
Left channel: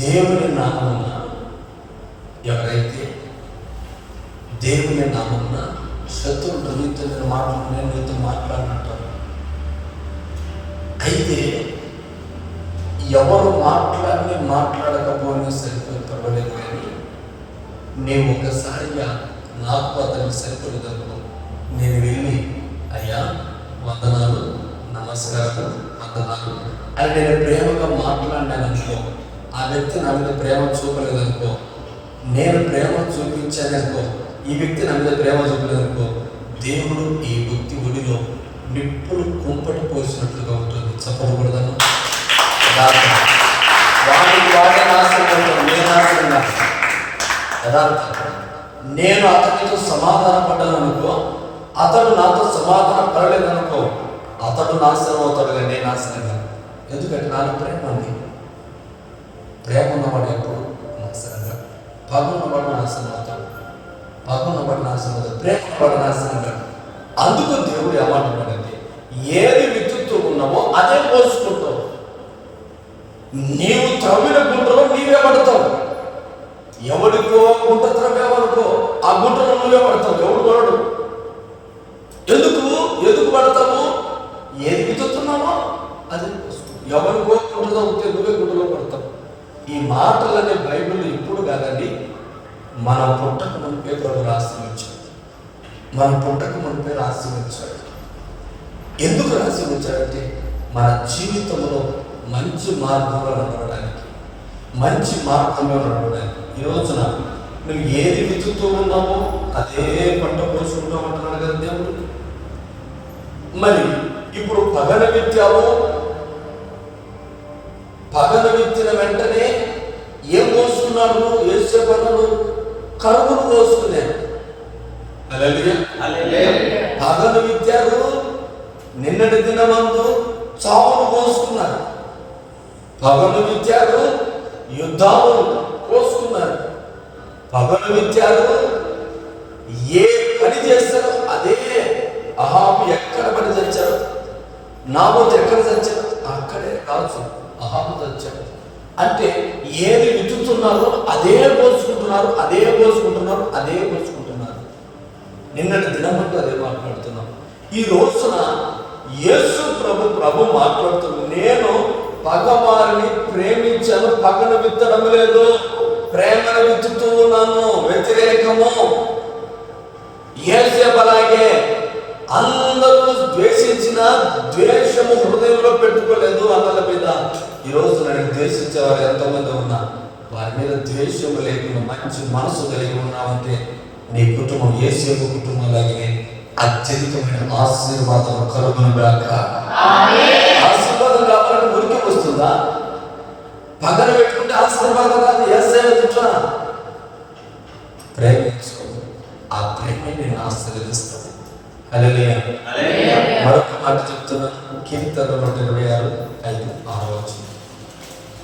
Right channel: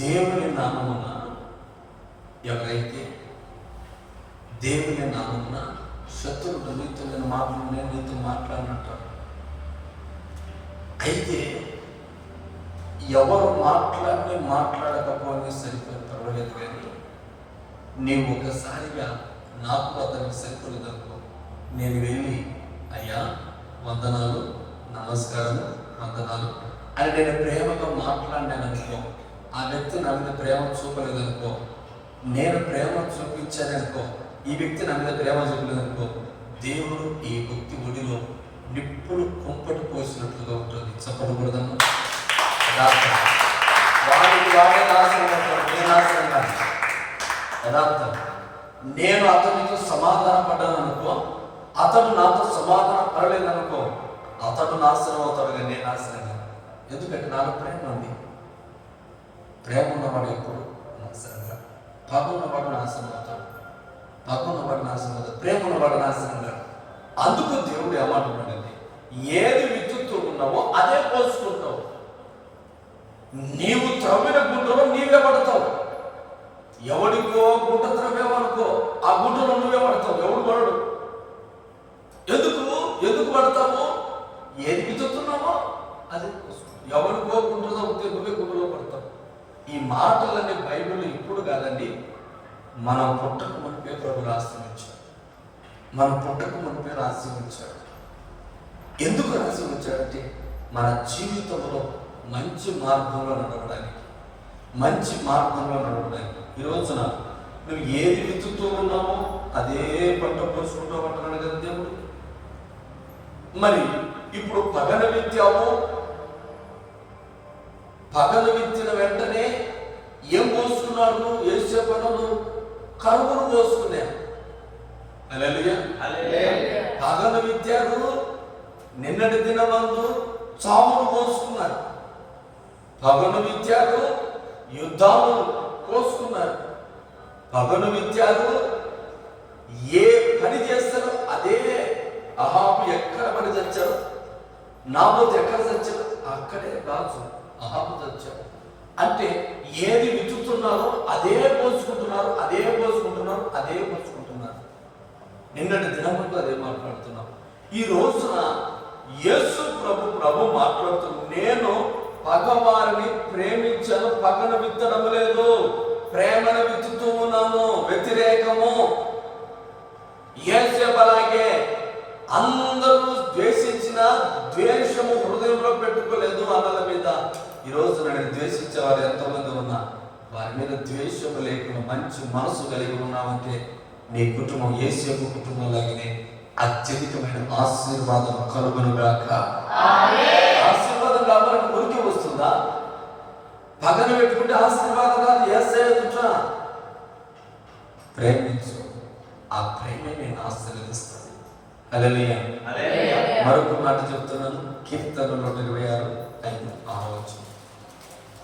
దేవుని నామమున ఎవరైతే దేవుని నామమున శత్రువులు నీతో మాటలు నేను నీతో మాట్లాడినట్టు, అయితే ఎవరు మాట్లాడకపోయినా సరిపోయి పర్వాలేదు, కానీ నేను ఒకసారిగా నాకు అతనికి సరిపోలేదనుకో, నేను వెళ్ళి అయ్యా వందనాలు, నమస్కారాలు, వందనాలు అని నేను ప్రేమగా మాట్లాడినాననుకో, ఆ వ్యక్తి నా మీద ప్రేమ చూపలేదనుకో, నేను ప్రేమ చూపించాననుకో, ఈ వ్యక్తి నా మీద ప్రేమ చూపించనుకో, దేవుడు ఈ వ్యక్తి ఒడిలో నిప్పులు కుంపటి పోసినట్లుగా ఉంటుంది. చెప్పకూడదను వాడికి వాడే నాశనం అవుతాడు, నేను నాశనం కాదు. యథార్థం. నేను అతనితో సమాధాన పడ్డాననుకో, అతడు నాతో సమాధాన పడలేదనుకో, అతడు నాశనం అవుతాడు కానీ నేను నాశనం కాదు. ఎందుకంటే నాకు ప్రేమ ఉంది. ప్రేమ ఉన్నవాడు ఎప్పుడు నాశనం కాదు. పగ ఉన్నవాడు నాశనం అవుతాడు. పగ ఉన్నవాడు నాశనం అవుతాడు. ప్రేమ ఉన్నవాడు నాశనం కాదు. అందుకు దేవుడు ఏమంటున్నాడంటే, ఏది విత్తుతూ ఉన్నావో అదే పోసుకుంటావు. నీవు త్రవ్విన గుంటలో నీవే పడతావు. ఎవడికో గుంట త్రవ్వేవనుకో, ఆ గుంటలో నువ్వే పడతావు. ఎవడు పడడు. ఎందుకు పడతావు? ఏది విత్తుతున్నావో అదే పోసుకుంటావు. ఎవరికో గుంట తగ్గితే నువ్వే గుంటలో పడతావు. ఈ మాటలనే బైబిల్ ఇప్పుడు కాదండి, మన పుట్టక మునిపే ప్రభు రాసి ఉంచాడు. మన పుట్టక మునిపే రాసి ఉంచాడు. ఎందుకు రాసి ఉంచాడంటే మన జీవితంలో మంచి మార్గంలో నడవడానికి, మంచి మార్గంలో నడవడానికి. ఈ రోజున నువ్వు ఏది విత్తుతూ ఉన్నావో అదే పంట పోసుకుంటూ ఉంటున్నాడు కదా దేవుడు. మరి ఇప్పుడు పగన విత్తావు, పగన విత్తిన వెంటనే ఏం పోసుకున్నాడు? ఏసే పంటలు కరువును పోసుకున్నాడు. పగను విత్తారు, నిన్నటి దినమందు చావును పోసుకున్నారు. పగను విత్తారు, యుద్ధాలు పోసుకున్నారు. పగను విత్తారు, ఏ పని చేస్తారో అదే. అహాబు ఎక్కడ పని చచ్చాడు, నాబోతు ఎక్కడ చచ్చాడు, అక్కడే రాజు అహాబు చచ్చాడు. అంటే ఏది విత్తుతున్నారో అదే పోసుకుంటున్నారు, అదే పోసుకుంటున్నారు, అదే పోసుకుంటున్నారు. నిన్నటి దినమంటూ అదే మాట్లాడుతున్నాం. ఈ రోజున యేసు ప్రభు మాట్లాడుతున్నాడు, నేను పగవారిని ప్రేమించాను, పగను విత్తడం లేదు, ప్రేమను విత్తుతూ ఉన్నాను. వ్యతిరేకము. యేసేపు అలాగే అందరూ ద్వేషించిన ద్వేషము హృదయంలో పెట్టుకోలేదు అన్నల మీద. ఈరోజు నేను ద్వేషించే వారు ఎంతమంది ఉన్నా, వారి మీద ద్వేషము లేకుండా మంచి మనసు కలిగి ఉన్నామంటే నీ కుటుంబం యేసేపు కుటుంబం లాగే అత్యధికమైన ఆశీర్వాదం కలుగునుగాక. ఆశీర్వాదం కావాలంటే ఉరికి వస్తుందా? పగన పెట్టుకుంటే ఆశీర్వాదం కాదు. యేసేపు తిట్లా ప్రేమించు, ఆ ప్రేమ నేను ఆశీర్వదిస్తాను. హల్లెలూయా. మరొక మాట చెప్తున్నాను. కీర్తన 126:5-6.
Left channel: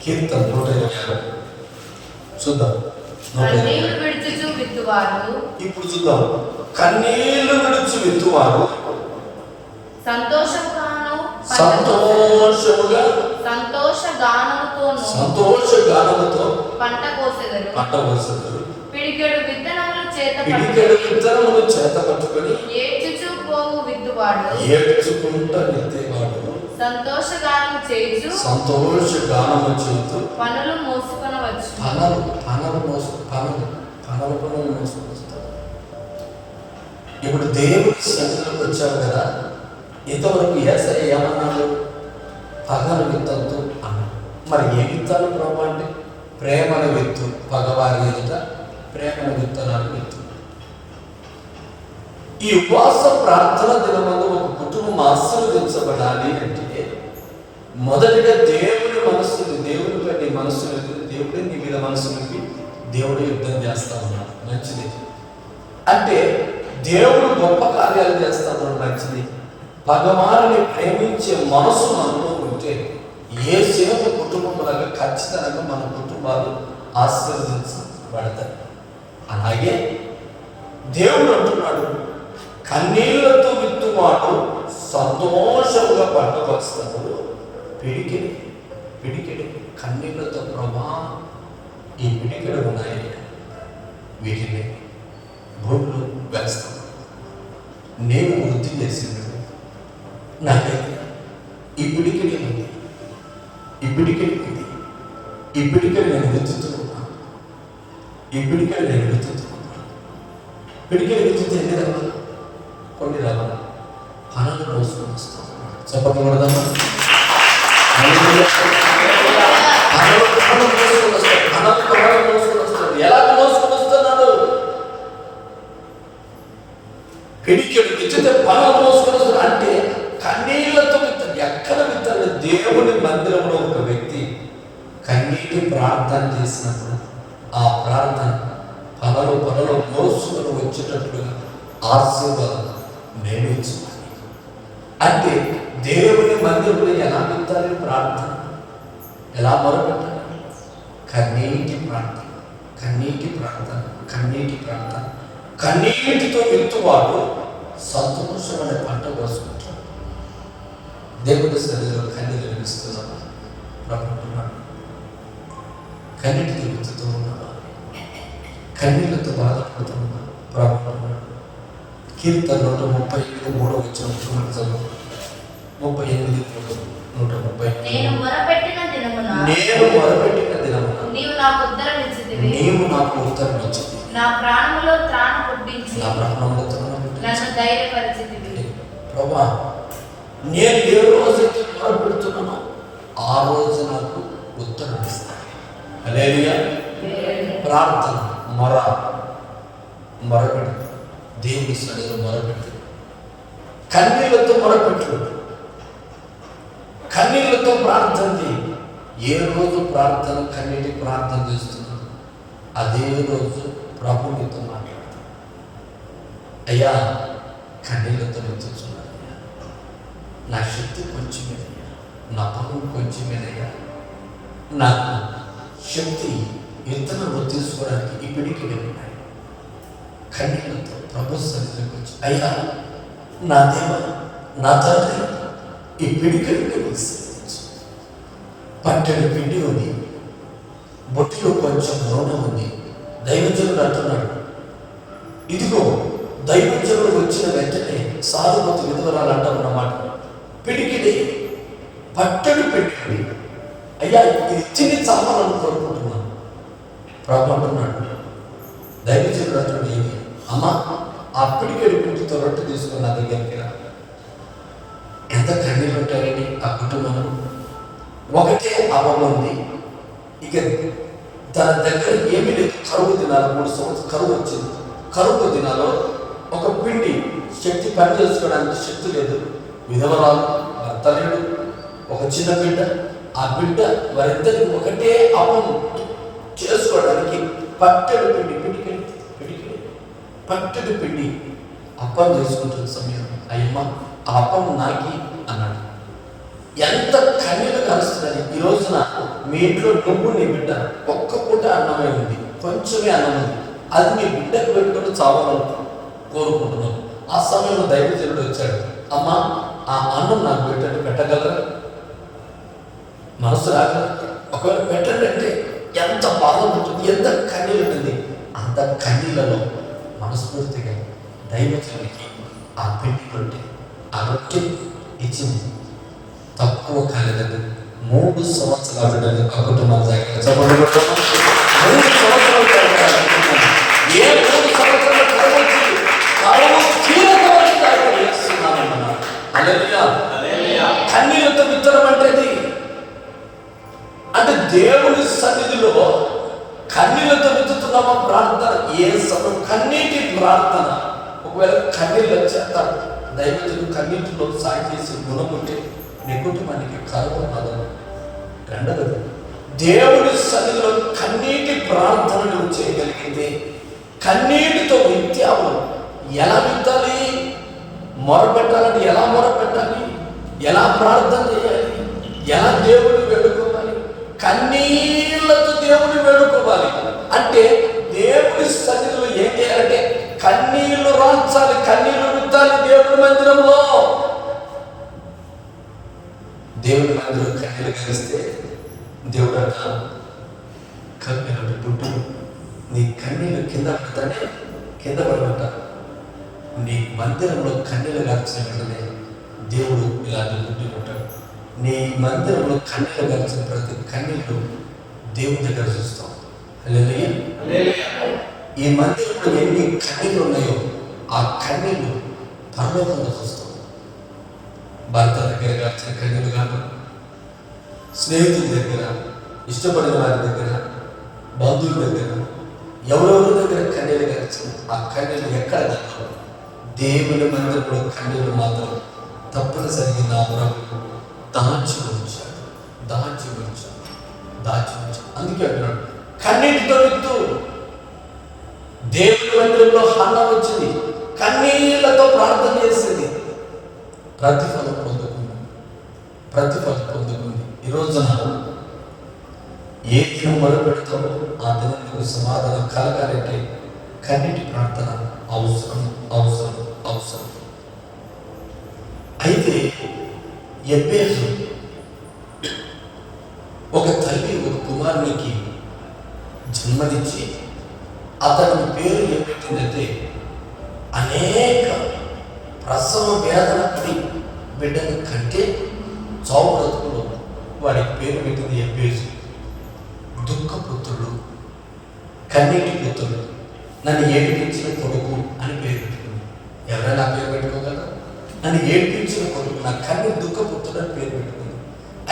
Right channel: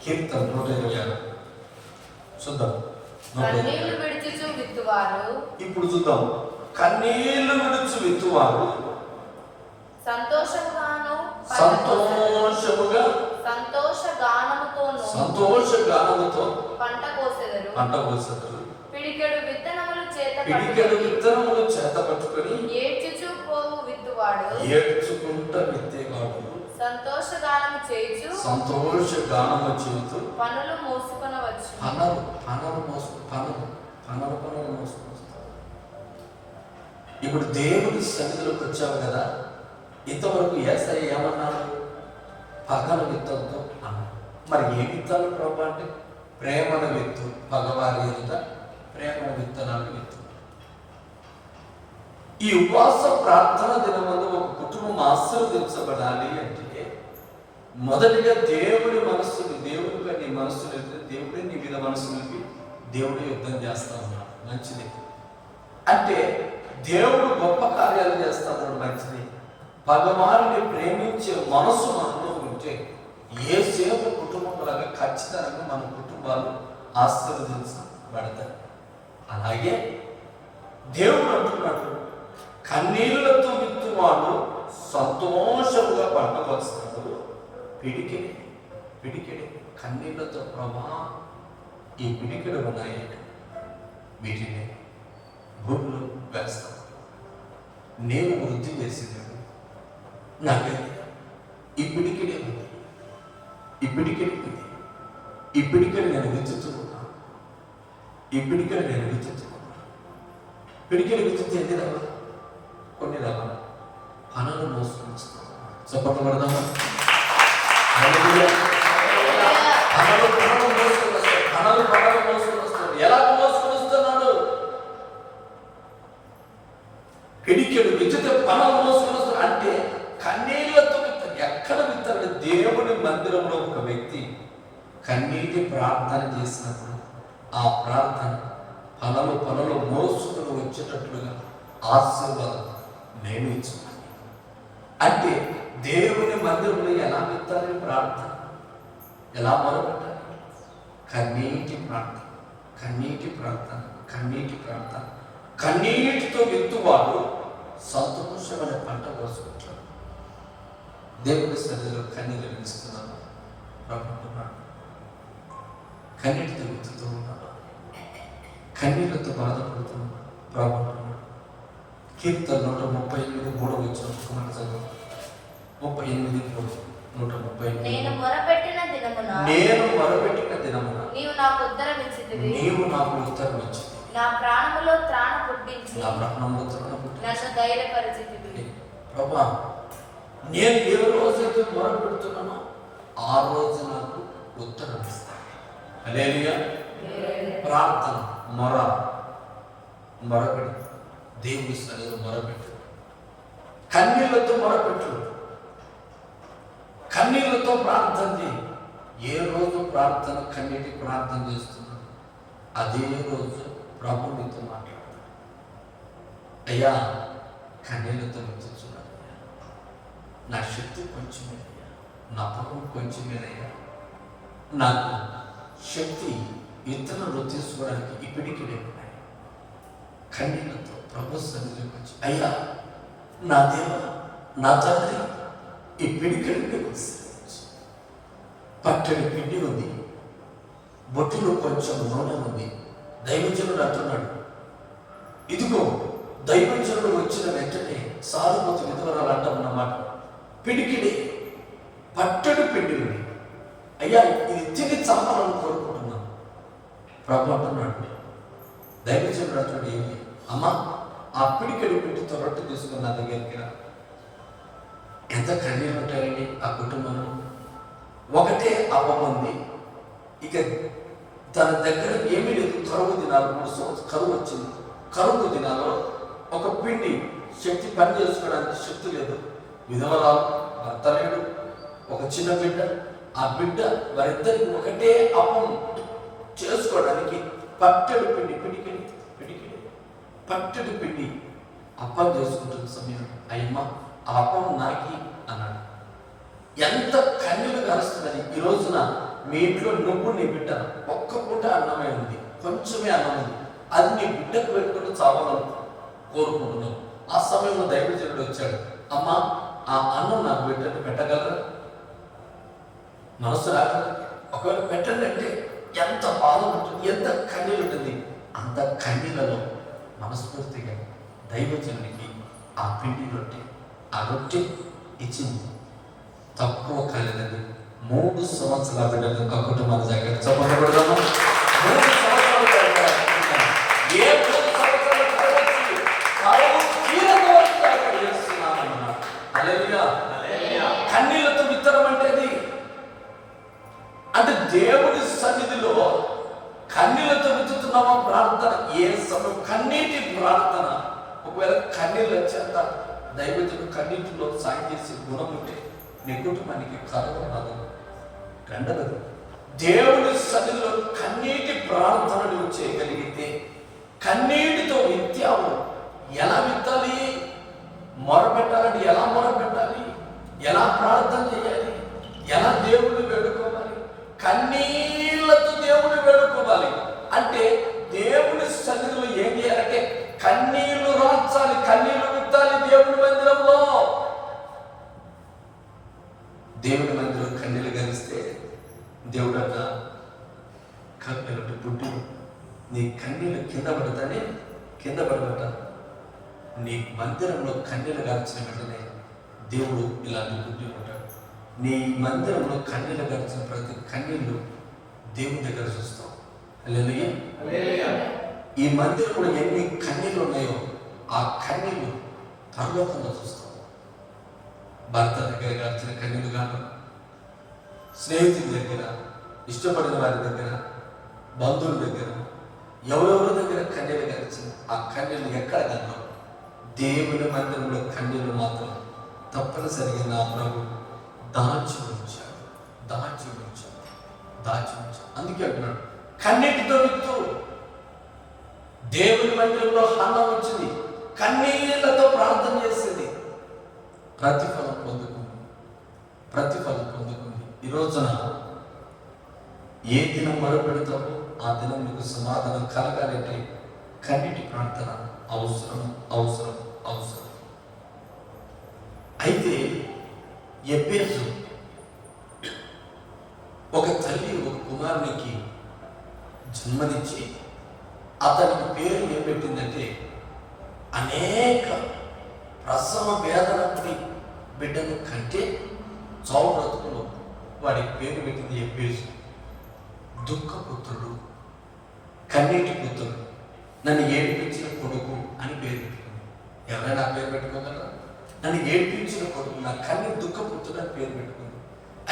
కీర్తన 126 చూద్దాం. ఇప్పుడు చూద్దాం. కన్నీళ్లు విడుచు విత్తువారు సంతోషగానముతో పంట కోసెదరు. పిడికెడు విత్తనములు చేత పట్టుకొని ఏడ్చుకుంటా విత్తేవాడు సంతోషగానము చేయుచు పనులు మోసుకొనవచ్చు. పనులు మోసుకొస్తారు. ఇప్పుడు దేవుడి సన్నిధిలోకి వచ్చావు కదా, ఇంతవరకు యేసయ్య ఏమన్నాడు? పగను విత్తొద్దు అన్నాడు. మరి ఏ విత్తాలు ప్రభు అంటే ప్రేమను విత్తు, పగవారి ఎదుట ప్రేమను విత్తనాలు విత్తు. ఈ ఉపవాస ప్రార్థన దినమందు ఒక కుటుంబం ఆశీర్వదించబడాలి అంటే మొదటిగా దేవుడి మనస్సుని, దేవుడిగా నీ మనస్సుని, దేవుడే నీ మీద మనస్సుని, దేవుడే యుద్ధం చేస్తా ఉన్నాడు. మంచిది. అంటే దేవుడు గొప్ప కార్యాలు చేస్తా ఉన్నాడు. మంచిది. పగవారిని ప్రేమించే మనసు మనలో ఉంటే యేసేపు కుటుంబంలాగా ఖచ్చితంగా మన కుటుంబాలు ఆశీర్వదించబడతాయి. అలాగే దేవుడు అంటున్నాడు, కన్నీళ్లతో విత్తువాడు సంతోషంగా పంట వస్తాడు. పిడికిడి కన్నీళ్లతో ప్రభా ఈ పిడికిడు ఉన్నాయి, వీటిని భూములు వేస్తాను. నేను వృద్ధి చేసింది నాకైతే ఈ పిడికిడి ఉంది, ఈ పిడికిడి ఉంది, ఈ పిడికిడి నేను వెతుకుతున్నాను, ఈ పిడికిడి నేను వెతుకుతున్నాను. పిడికిడి వెతుకుతే ఎన్ని రావాలి? కొన్ని రావాలి. పనులు మోసుకొని వస్తాను. చెప్పకూడదా? పనులు మోసుకొని వస్తాడు. ఎలా మోసుకొని పిడికెడు విచ్చితే పనులు మోసుకొని వస్తాడు. అంటే కన్నీళ్లతో విత్తాడు. ఎక్కడ విత్తాడు? దేవుని మందిరంలో ఒక వ్యక్తి కన్నీటి ప్రార్థన చేసినప్పుడు ఆ ప్రార్థన పనులు మోసుకొని వచ్చేటట్లుగా ఆశీర్వాదం నేను ఇచ్చుకోవాలి. అంటే దేవుని మందిరంలో ఎలా విత్తాలి? ప్రార్థన ఎలా మొరపెట్టాలి? కన్నీటి ప్రార్థన, కన్నీటి ప్రార్థన, కన్నీటి ప్రార్థన. కన్నీటితో విత్తువాడు సంతోషమైన పంట కోసుకుంటాడు. దేవుడి సన్నిధిలో కన్నీళ్ళు వినిస్తున్నామా? ప్రభుత్వం కన్నీటితో విత్తుతూ ఉన్నామా? కన్నీళ్లతో బాధపడుతున్నామా? ప్రభుత్వం కీర్తన 138:3 38:3 నేను మొరపెట్టిన దినమున నీవు నాకు ఉత్తరం ఇచ్చితివి. నా ప్రాణములో త్రాణ పుట్టించి నన్ను ధైర్యపరిచితివి. ప్రభా, నేను ఏ రోజైతే మొరపెడుతున్నానో ఆ రోజు నాకు ఉత్తరం ఇస్తాను. హల్లెలూయా. ప్రార్థన మొరపెట్టు, దేవుని సన్నిధిలో మొరపెట్టు, కన్నీళ్లతో మొరపెట్టు, కన్నీళ్లతో ప్రార్థన చేయి. ఏ రోజు ప్రార్థన కన్నీటి ప్రార్థన చేస్తున్నాడు అదే రోజు ప్రభు నీతో మాట్లాడతాడు. అయ్యా, కన్నీళ్లతో వెళ్తున్నాను అయ్యా, నా శక్తి కొంచెమేనయ్యా, నా పనులు కొంచెమేనయ్యా, నాకు శక్తి ఇతరులు తీసుకోవడానికి ఈ పిడికిడే ఉన్నాయి. కన్నీళ్లతో ప్రభు సన్నిధిలోకి వచ్చి, అయ్యా నా దేవ, నా తండ్రి, ఈ పిడికిడిని పట్టెడు పిండి ఉంది, బొట్టిలో కొంచెం నూనె ఉంది. దైవజనుడు అంటున్నాడు, ఇదిగో దైవజనుడు వచ్చిన వెంటనే సాధుమతి విధవరాలు అంటామన్నమాట. పిడికిడి పట్టెడు పిండి ఉంది, అయ్యా ఇది తిని చావాలని కోరుకుంటున్నాను. ప్రభు అంటున్నాడు, దైవజనుడు అంటున్నాడు, ఏది అమ్మా ఆ పిడికెడు పిండితో రొట్టె తీసుకుని నా దగ్గరికి రా. ఎంత కన్నీళ్ళు ఉంటారండి ఆ కుటుంబంలో. ఒకటే అపం ఉంది, ఇక తన దగ్గర ఏమీ లేదు. కరువు దినాలు 3 సంవత్సరాలు కరువు వచ్చింది. కరువు దినాల్లో ఒక పిండి శక్తి పని చేసుకోవడానికి శక్తి లేదు. విధవరాలు, భర్త లేడు, ఒక చిన్న బిడ్డ. ఆ బిడ్డ వారిద్దరికి ఒకటే అపం చేసుకోవడానికి పట్టెడు పిండి, పిడికిడి పట్టెడు పిండి అప్పం చేసుకుంటున్న సమయం, అయ్యమ్మ ఆ అప్పం నాకి అన్నాడు. ఎంత కన్నీళ్ళు కలుస్తున్నది. ఈ రోజున మీ ఇంట్లో నువ్వు నీ బిడ్డ ఒక్క పూట అన్నమే ఉంది, కొంచెమే అన్నం ఉంది, అది మీ బిడ్డకు పెట్టుకుని చావాలని కోరుకుంటున్నావు. ఆ సమయంలో దైవజనుడు వచ్చాడు, అమ్మ ఆ అన్నం నాకు బిడ్డను పెట్టగలరా? మనసు రాగలరా? ఒకవేళ పెట్టండి అంటే ఎంత బాధ ఉంటుంది, ఎంత కన్నీళ్ళు ఉంటుంది. అంత కన్నీళ్ళలో మనస్ఫూర్తిగా దైవజనుడికి ఆ పిండి రొట్టె, ఆ రొట్టె ఇచ్చింది. తక్కువ కాలేదండి, 3 సంవత్సరాలు ఆ కుటుంబం దగ్గర చెప్పండి. 3 సంవత్సరాలు ఏ 3 సంవత్సరాలు కన్నీళ్ళతో విత్తనం అంటే దేవుని సన్నిధిలో కన్నీళ్ళతో విత్తుతున్నామా ప్రార్థన? ఏ సమయం కన్నీటి ప్రార్థన. ఒకవేళ కన్నీళ్ళు వచ్చేత దైవజనుడు కన్నీటిలో సాయం చేసి గుణం ఉంటే నీ కుటుంబానికి కరువు మదం. రెండవది, దేవుని సన్నిధిలో కన్నీటి ప్రార్థన నువ్వు చేయగలిగితే, కన్నీటితో విత్తావు. ఎలా విత్తాలి? మొరపెట్టాలంటే ఎలా మొరపెట్టాలి? ఎలా ప్రార్థన చేయాలి? ఎలా దేవుని వేడుకోవాలి? కన్నీళ్లతో దేవుని వేడుకోవాలి. అంటే దేవుని సన్నిధిలో ఏం చేయాలంటే కన్నీళ్లు రాల్చాలి, కన్నీళ్లు విత్తాలి. దేవుని మందిరంలో, దేవుని మందిరం కన్నీళ్ళు కలిస్తే దేవుడు అంట, కన్నీళ్ళు దుడ్డు నీ కన్నీళ్ళు కింద పడతానే, కింద పడబట్ట నీ మందిరంలో కన్నీళ్ళు గార్చిన వెంటనే దేవుడు ఇలాంటి దుడ్డు ఉంటాడు. నీ మందిరంలో కన్నీళ్ళు గార్చిన ప్రతి కన్నీళ్ళు దేవుని దగ్గర చూస్తాం. హల్లెలూయా. ఈ మందిరంలో ఎన్ని కన్నీళ్ళు ఉన్నాయో ఆ కన్నీళ్ళు పరలోకంలో చూస్తాం. భర్త దగ్గర గార్చిన కన్నీళ్ళు కాదు, స్నేహితుల దగ్గర, ఇష్టపడిన వారి దగ్గర, బంధువుల దగ్గర, ఎవరెవరి దగ్గర కన్నీళ్ళు గార్చిన ఆ కన్నీళ్ళు ఎక్కడ దగ్గర దేవుని మందిరంలో కన్నీళ్ళు మాత్రం తప్పనిసరిగా నా ప్రభు దాచి ఉంచాడు. అందుకే అంటున్నాడు, కన్నీటితో విత్తు. దేవుని మందిరంలో హన్న వచ్చింది, కన్నీళ్లతో ప్రార్థన చేసింది, ప్రతిఫలం పొందుకుంది. ఈ రోజున ఏ దినం మొదలుపెడతామో ఆ దినం నీకు సమాధానం కలగాలంటే కన్నీటి ప్రార్థన అవసరం. అయితే ఎబ్బేజు ఒక తల్లి ఒక కుమారునికి జన్మనిచ్చి అతని పేరు ఏం పెట్టిందంటే, అనేక ప్రసవ వేదన పడి బిడ్డను కంటే చావు బ్రతుకులో వాడికి పేరు పెట్టింది ఎబ్బేజు. దుఃఖపుత్రుడు, కన్నీటి పుత్రుడు, నన్ను ఏడిపించిన కొడుకు అని పేరు పెట్టుకుంది. ఎవరైనా పేరు పెట్టుకోగలరా? నన్ను ఏడిపించిన కొడుకు, నా కన్నీ దుఃఖపుత్రుడు అని పేరు పెట్టుకుంది.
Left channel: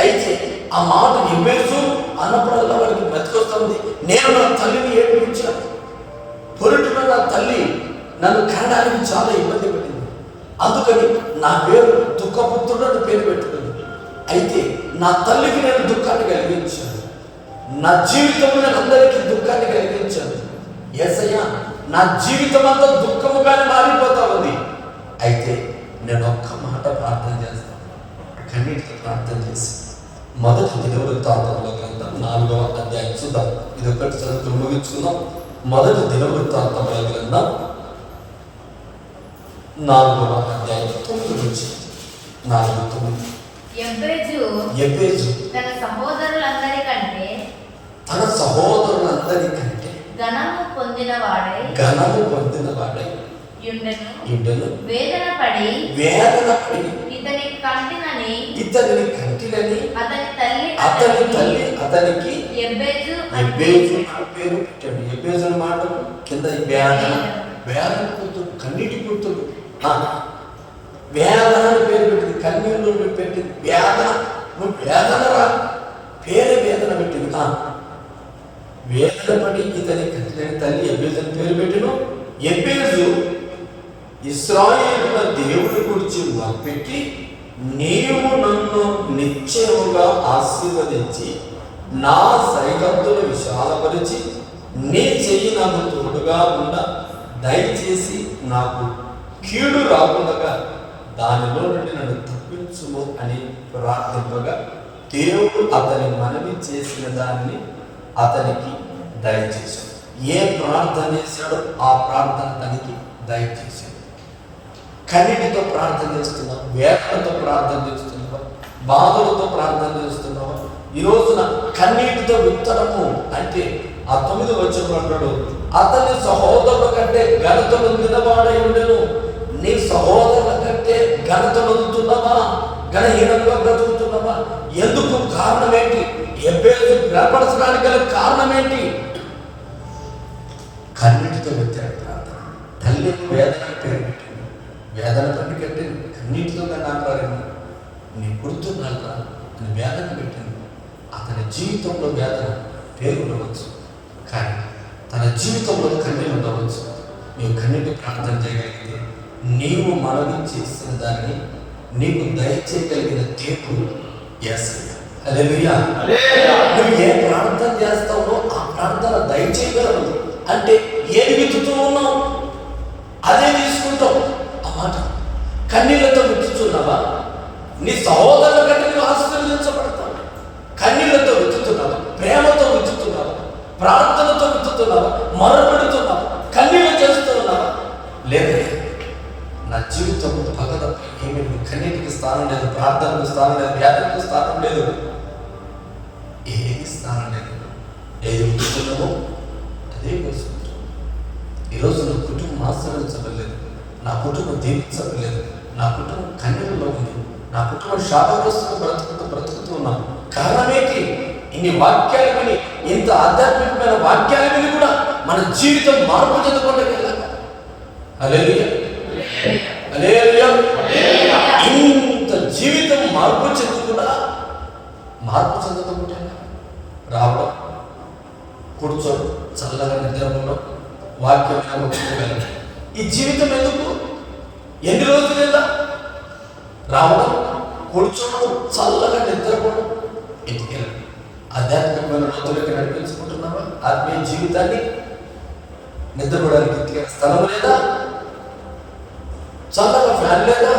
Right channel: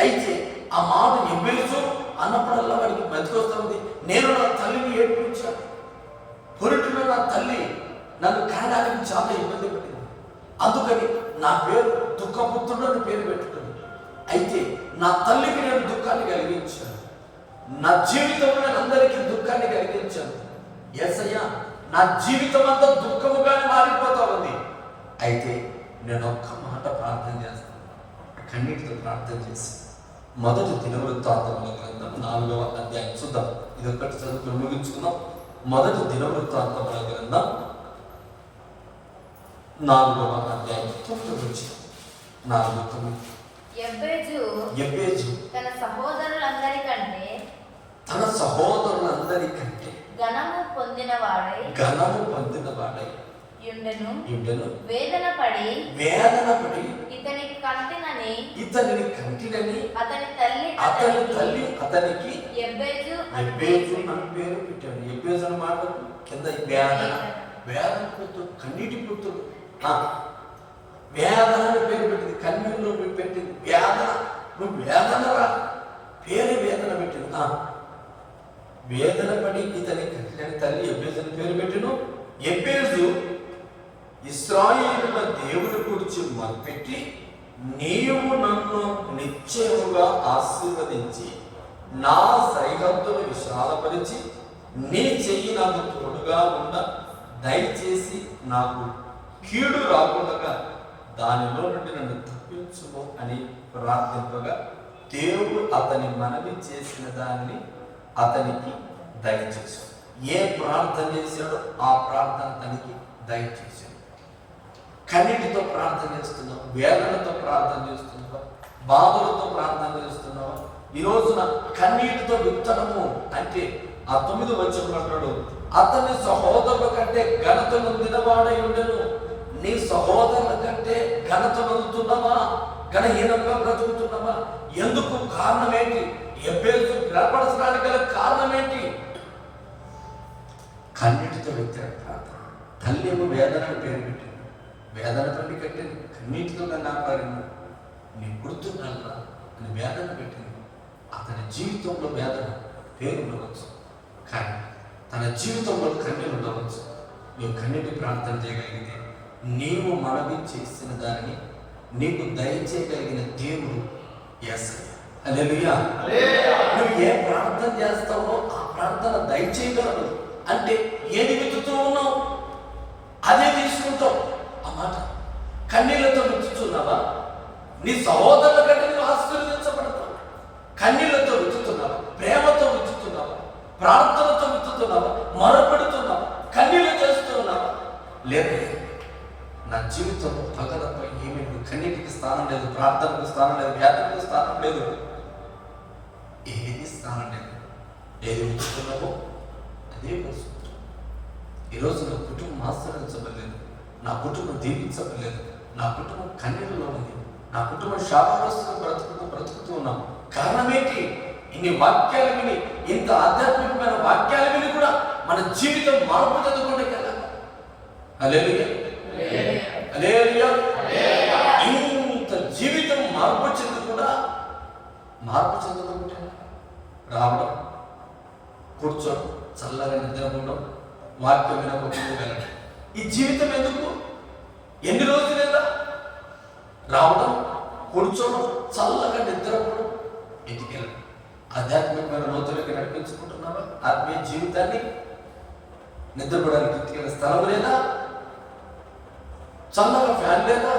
అయితే ఆ మాట ఎబ్బేజు అన్నప్పుడల్లా వాడికి బ్రతికొస్తుంది. నేను నా తల్లిని ఏడిపించాను, పొరుటున నా తల్లి నన్ను కనడానికి చాలా ఇబ్బంది పడింది, అందుకని నా పేరు దుఃఖపుత్రుడు అని పేరు పెట్టుకుంది. అయితే నా తల్లికి నేను దుఃఖాన్ని కలిగించాను, నా జీవితంలో నేను అందరికీ దుఃఖాన్ని కలిగించాను. యేసయ్య, నా జీవితం అంతా దుఃఖముగానే మారిపోతా ఉంది. అయితే నేను ఒక్క మాట ప్రార్థన చేస్తాను. కన్నీటితో ప్రార్థన చేసి మొదటి దినవృత్తాంతముల గ్రంథం 4వ అధ్యాయం చూద్దాం. ఇది ఒకటి చదువుతూ ముగించుకుందాం. మొదటి దినవృత్తాంతముల గ్రంథం 4వ అధ్యాయం 9 నుంచి 4-9. ఎబ్బేజు తన సహోదరులందరికంటే ఘనము పొందినవాడై యుండెను. వేదన పడి ఇతనిని కంటినని అతని తల్లి అతనికి ఎబ్బేజు అని పేరు పెట్టాడు. ఎబ్బేజు మాట కింద వేదన పుత్రుడు, కన్నీటి పుత్రుడు. వేదన అని పేరు పెట్టింది, కన్నీళ్ళు పెట్టింది. వేదన, నువ్వు వేదన రా, పేరు వేదన పెట్టింది. వేదన పడి ఇతని కంటినని తల్లి ఎబ్బేజు అని పేరు పెట్టిను. ఎబ్బేజు ఇశ్రాయేలుల దేవుని గురించి మొరపెట్టి, నీవు నన్ను నిశ్చయముగా ఆశీర్వదించి నా సరిహద్దులు విశాలపరిచి నీ చెయ్యి నాకు తోడుగా ఉండ, దయచేసి నాకు కీడు రాకుండా దానిలో నుండి నన్ను తప్పించుము అని ప్రార్థింపగా, దేవుడు అతని మనవి చేసిన దానిని అతనికి దయచేశాడు. ఏ ప్రార్థన చేశాడో ఆ ప్రార్థన తనకి దయచేశాడు. కన్నీటితో ప్రార్థన చేస్తున్నావా? వేదనతో ప్రార్థన చేస్తున్నావా? బాధలతో ప్రార్థన చేస్తున్నావా? ఈ రోజున కన్నీటితో విత్తనము అంటే ఆ 9 వచనంలో అంటాడు, అతని సహోదరుల కంటే ఘనత నొందినవాడై ఉండెను. నీ సహోదరుల కంటే ఘనత నొందుతున్నావా? ఘనహీనంగా బ్రతుకుతున్నావా? ఎందుకు? కారణం ఏంటి? ఎబ్బేజు బలపరచడానికి గల కారణం ఏంటి? కన్నీటితో విత్తాడు ప్రార్థన. తల్లిని వేదన పేరు పెట్టింది. వేదన పని కట్టి కన్నీటితో కానీ అంటారేమో, నీ గుర్తున్నారా అని వేదన పెట్టింది. అతని జీవితంలో వేదన పేరు ఉండవచ్చు, కానీ తన జీవితంలో కన్నీళ్ళు ఉండవచ్చు. నీవు కన్నీటి ప్రార్థన చేయగలిగితే, నీవు మనవి చేసిన దాన్ని నీకు దయచేయగలిగిన దేవుడు యేసయ్య. హల్లెలూయా. నువ్వు ఏ ప్రార్థన చేస్తావో ఆ ప్రార్థన దయచేయగలవు. అంటే ఏది విత్తుతూ ఉన్నావు అదే తీసుకుంటావు. ఆ మాట కన్నీళ్లతో విత్తుతున్నావా? నీ సహోదరుల కంటే నువ్వు ఆశీర్వదించబడతావు. కన్నీళ్లతో విత్తుతున్నావా? ప్రేమతో విత్తుతున్నావా? ప్రార్థనతో విత్తుతున్నావా? మొరపెడుతున్నావా? కన్నీళ్ళు చేస్తూ ఉన్నావా? లేదా నా జీవితం పగ తప్ప ఏమి కన్నీటికి స్థానం లేదు, ప్రార్థనకు స్థానం లేదు, వ్యాధులకు స్థానం లేదు, ఏది స్థానం లేదు. ఏది విత్తుతున్నావో అదే కోసుకుంటావు. ఈరోజు నా కుటుంబం ఆశ్రయించబడలేదు, నా కుటుంబం దీవించబడలేదు, నా కుటుంబం కన్నీళ్ళలో ఉంది, నా కుటుంబం శాపగ్రస్తుగా బ్రతుకుతూ ఉన్నాను. కారణం ఏంటి? ఇన్ని వాక్యాలు విని, ఇంత ఆధ్యాత్మికమైన వాక్యాలు విని కూడా మన జీవితం మార్పు చెందకుండా వెళ్ళాలి. హల్లెలూయా, హల్లెలూయా. ఇంత జీవితం మార్పు చెందకుండా రావడం, కూర్చోడు, చల్లగా నిద్రపోవడం, వాక్యం వినకపోగలం. ఈ జీవితం ఎందుకు? ఆధ్యాత్మికమైన లోతులకి నడిపించుకుంటున్నావా? ఆత్మీయ జీవితాన్ని నిద్రపోవడానికి స్థలం లేదా? చల్లగా ఫ్యాన్ లేదా?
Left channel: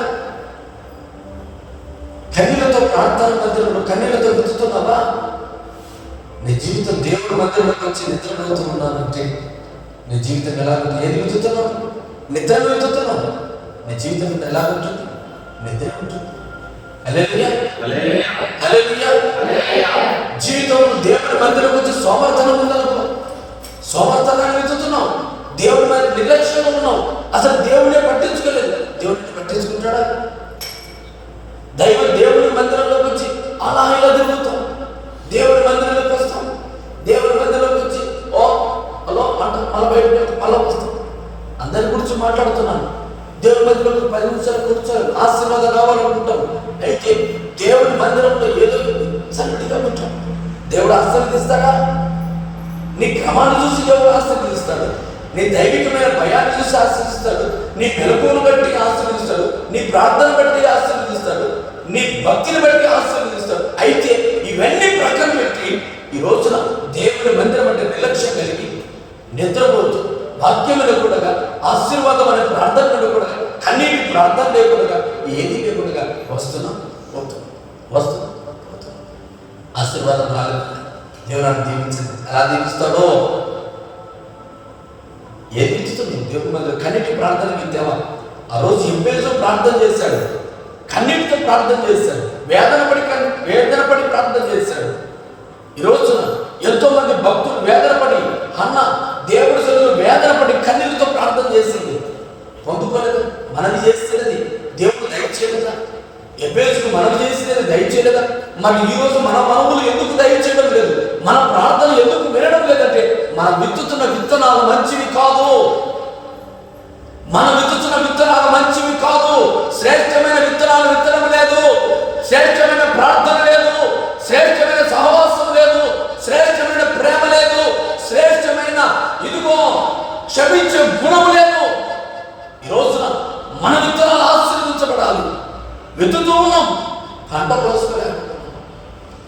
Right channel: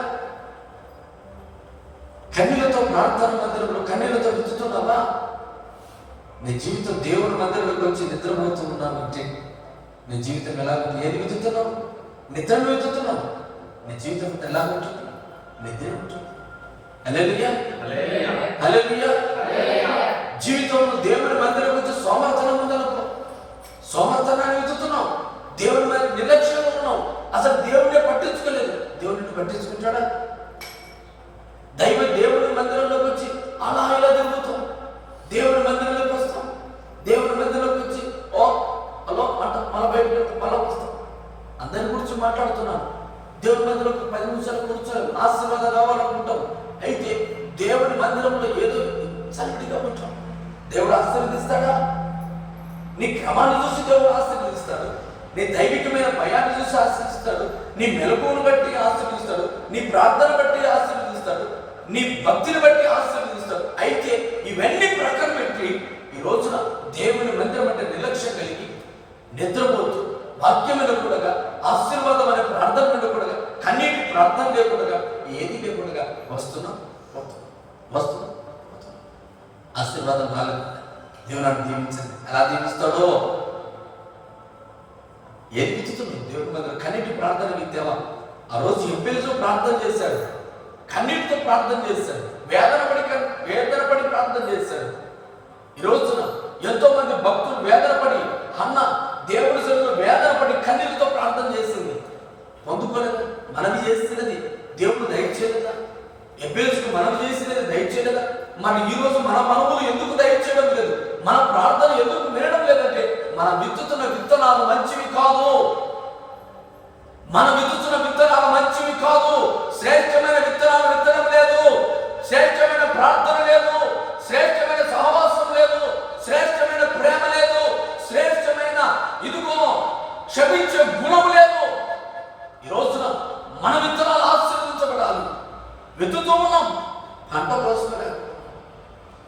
కన్నీళ్లతో ప్రార్థన మధ్యలో కన్నీళ్లతో వెతుకుతున్నావా? నీ జీవితం దేవుడి మధ్యలోకి వచ్చి నిద్రపోతూ ఉన్నావంటే నీ జీవితం ఎలా ఉంటుంది? ఏది వెతుకుతున్నావు? నిద్రను వెతుకుతున్నావు. నీ జీవితం ఎలా ఉంటుంది? నిద్ర ఉంటుంది. హల్లెలూయా, హల్లెలూయా. జీవితంలో దేవుడి మధ్యలోకి వచ్చి సోమర్థనం ఉందనుకో, సోమర్థనాన్ని వెతుకుతున్నావు. దేవుడి మీద నిర్లక్ష్యంగా ఉన్నావు. అసలు దేవుడిని పట్టించుకోలేదు. దేవుడిని పట్టించుకుంటాడా? దేవుడి మందిరంలోకి వచ్చి అలా ఇలా తిరుగుతాం. దేవుడి మందిరంలోకి వస్తాం. దేవుడి మందిరంలోకి వచ్చి ఓ హలో అంటాం, అలా బయట అలా వస్తాం. అందరి గురించి మాట్లాడుతున్నాను. దేవుడి మందిరంలో 10 నిమిషాలు కూర్చోవాలి, ఆశీర్వాదం కావాలనుకుంటాం. అయితే దేవుడి మందిరంలో ఏదో సన్నిధిగా ఉంటాం. దేవుడు ఆశీర్వదిస్తాడా? నీ క్రమాన్ని చూసి దేవుడు ఆశీర్వదిస్తాడు. నీ దైవికమైన భయాన్ని చూసి ఆశీర్వదిస్తాడు. నీ మెలకువను బట్టి ఆశీర్వదిస్తాడు. నీ ప్రార్థన బట్టి ఆశీర్వదిస్తాడు. నీ భక్తిని బట్టి ఆశీర్వదిస్తాడు. అయితే ఇవన్నీ ప్రక్కన పెట్టి ఈ రోజున దేవుని మందిరం అంటే నిర్లక్ష్యం కలిగి నిద్రపోతూ వాక్యం లేకుండా, ఆశీర్వాదం అనే ప్రార్థన లేకుండా, కన్నీటి ప్రార్థన లేకుండా, ఏది లేకుండా వస్తున్నాం, పోతున్నాం. ఆశీర్వాదం రాలేదు. దేవుని దీవించింది. ఎలా దీవిస్తాడో ఏది ఇస్తుంది? దేవుడి మందిరం కన్నీటి ప్రార్థనకి దేవా. ఆ రోజు ఎంపేజు ప్రార్థన చేశాడు, కన్నీటితో ప్రార్థన చేశాడు, వేదన పడి ప్రార్థన చేశాడు. ఈ రోజున ఎంతో మంది భక్తులు వేదన పడి, అన్న దేవుడి సన్నిధిలో వేదన పడి కన్నీటితో ప్రార్థన చేసింది. పొందుకోలేదు. మనవి చేసినది దేవుడు దయచేయలేదా? ఎబేసుకు మనవి చేసినది దయచేయలేదా? మరి ఈ రోజు మన మనవులు ఎందుకు దయచేయడం లేదు? మన ప్రార్థన ఎందుకు వినడం లేదంటే మనం విత్తుతున్న విత్తనాలు మంచివి కాదు. మనం విత్తుతున్న విత్తనాలు మంచివి కాదు. శ్రేష్టమైన విత్తనాలు విత్తనం లేదు. శ్రేష్టమైన ప్రార్థన లేదు. శ్రేష్టమైన సహవాసం లేదు. శ్రేష్టమైన ప్రేమ లేదు. శ్రేష్టమైన ఇదిగో క్షమించే గుణం లేదు. ఈ రోజున మన విత్తనాలు ఆశీర్వదించబడాలి. విత్తుతూ ఉన్నాం, పంట కోసుకోలేకున్నాం.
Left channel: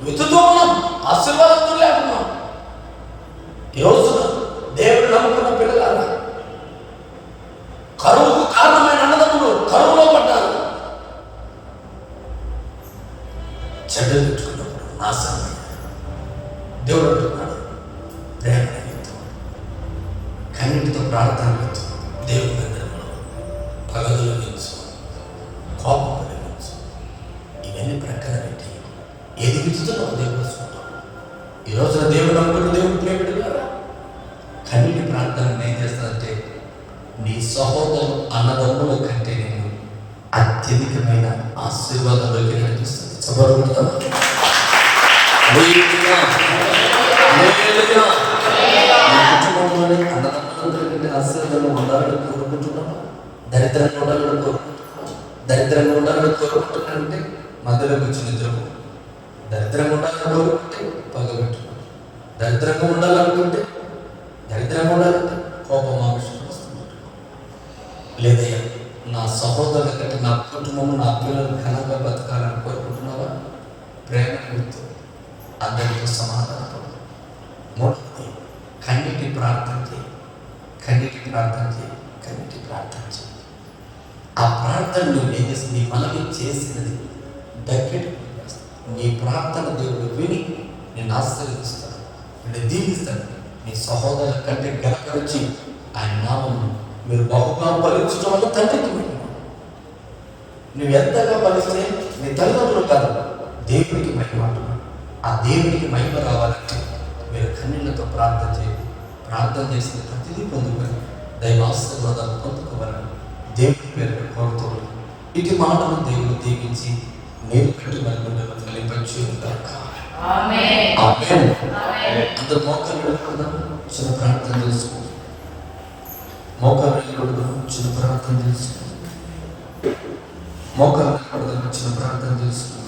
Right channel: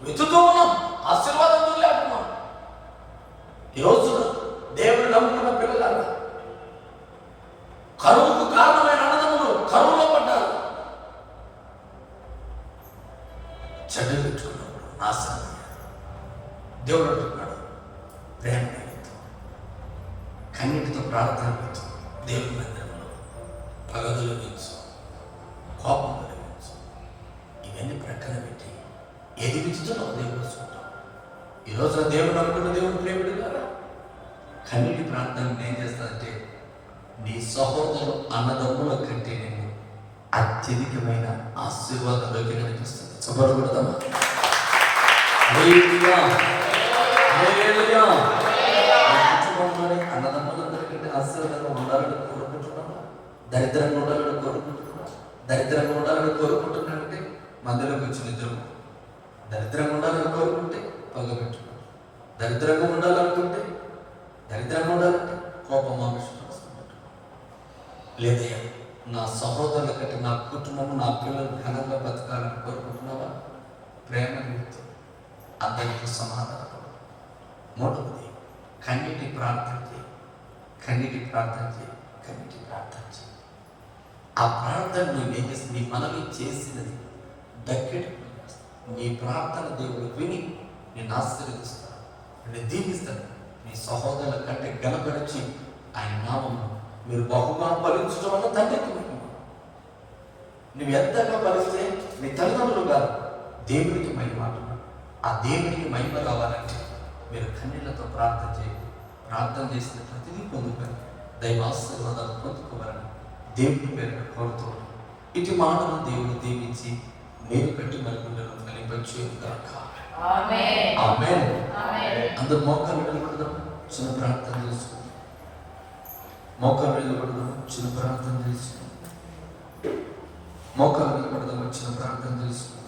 విత్తుతూ ఉన్నాం, ఆశీర్వాదంతో లేకున్నాం. ఈ రోజున దేవుడు నమ్ముకున్న పిల్లలారా, కరువుకు కారణమైన అన్నదమ్ములు కరువులో పడ్డారు. చెడ్డలు పెట్టుకున్నప్పుడు నాశనం అయ్యారు. దేవుడు అంటున్నాడు, ప్రేమ నిమిత్తం, కన్నీటితో ప్రార్థన నిమిత్తం దేవుడి మందిరంలో పగలు నిమించు, కోపం నిమించు. ఇవన్నీ ప్రక్కన పెట్టి ఏది విచ్చుతున్నావు దేవుడు చూస్తాం. ఈ రోజున దేవుడు నమ్ముకున్న దేవుడు ప్రేమిడుగారా, కన్నీటి ప్రార్థన ఏం చేస్తానంటే నీ సహోదరు అన్నదమ్ముల కంటే నేను అత్యధికమైన ఆశీర్వాదంలోకి నడిపిస్తుంది. చెప్పకూడదా? కుటుంబంలోనే అన్నదమ్ములందరికంటే ఆశీర్వాదంలో ఉండాలని కోరుకుంటున్నాను. దరిద్రంగా ఉండాలని కోరుకుంటున్నాను. దరిద్రంగా ఉండాలని కోరుకుంటున్నానంటే మధ్యలోకి వచ్చి నిద్రపో. దరిద్రంగా ఉండాలని కోరుకుంటే పగబెట్టు. దరిద్రంగా ఉండాలంటే కోపం ఆవిష్కరిస్తుంది. లేదా నా సహోదరుల కంటే నా కుటుంబం, నా పిల్లలు ఘనంగా బతకాలని కోరుకుంటున్నావా? ప్రేమ నిమిత్తం అందరితో సమాధానపడు. మూడవది కన్నీటి ప్రార్థన చేయి. ఆ ప్రార్థన నువ్వు ఏం చేసి నీ మనవి చేసినది దక్కేటి నీ ప్రార్థన దేవుడు విని నేను ఆశీర్వదిస్తాడు, నేను దీవిస్తాడు. నీ సహోదరుల కంటే గనకరించి ఆయన నామమును మీరు బహుగా ఫలించడం వల్ల తండ్రికి మహిమ. నువ్వు ఎంతగా ఫలిస్తే నీ తల్లిదండ్రులు కాదు, దేవుడికి మహిమ అంటున్నాడు. ఆ దేవుడికి మహిమ రావాలంటే మీరు కన్నీళ్లతో ప్రార్థన చేయండి. ప్రార్థన చేసిన ప్రతిదీ పొందుకొని దైవాశీర్వాదాలు పొందుకోవాలని దేవుడి పేరు కోరుతూ ఇటు మాటను దేవుడు దీవించి నేను కట్టి మనకు ఫలింపచ్చు. అందరు మోకాలు వెళ్ళకూడదా? చిన్న ప్రార్థన తెలుసుకో. మోకాలు వెళ్ళకూడదు, చిన్న ప్రార్థన తెలుసుకో. మోకాలు వెళ్ళకూడదు, చిన్న ప్రార్థన తెలుసుకో.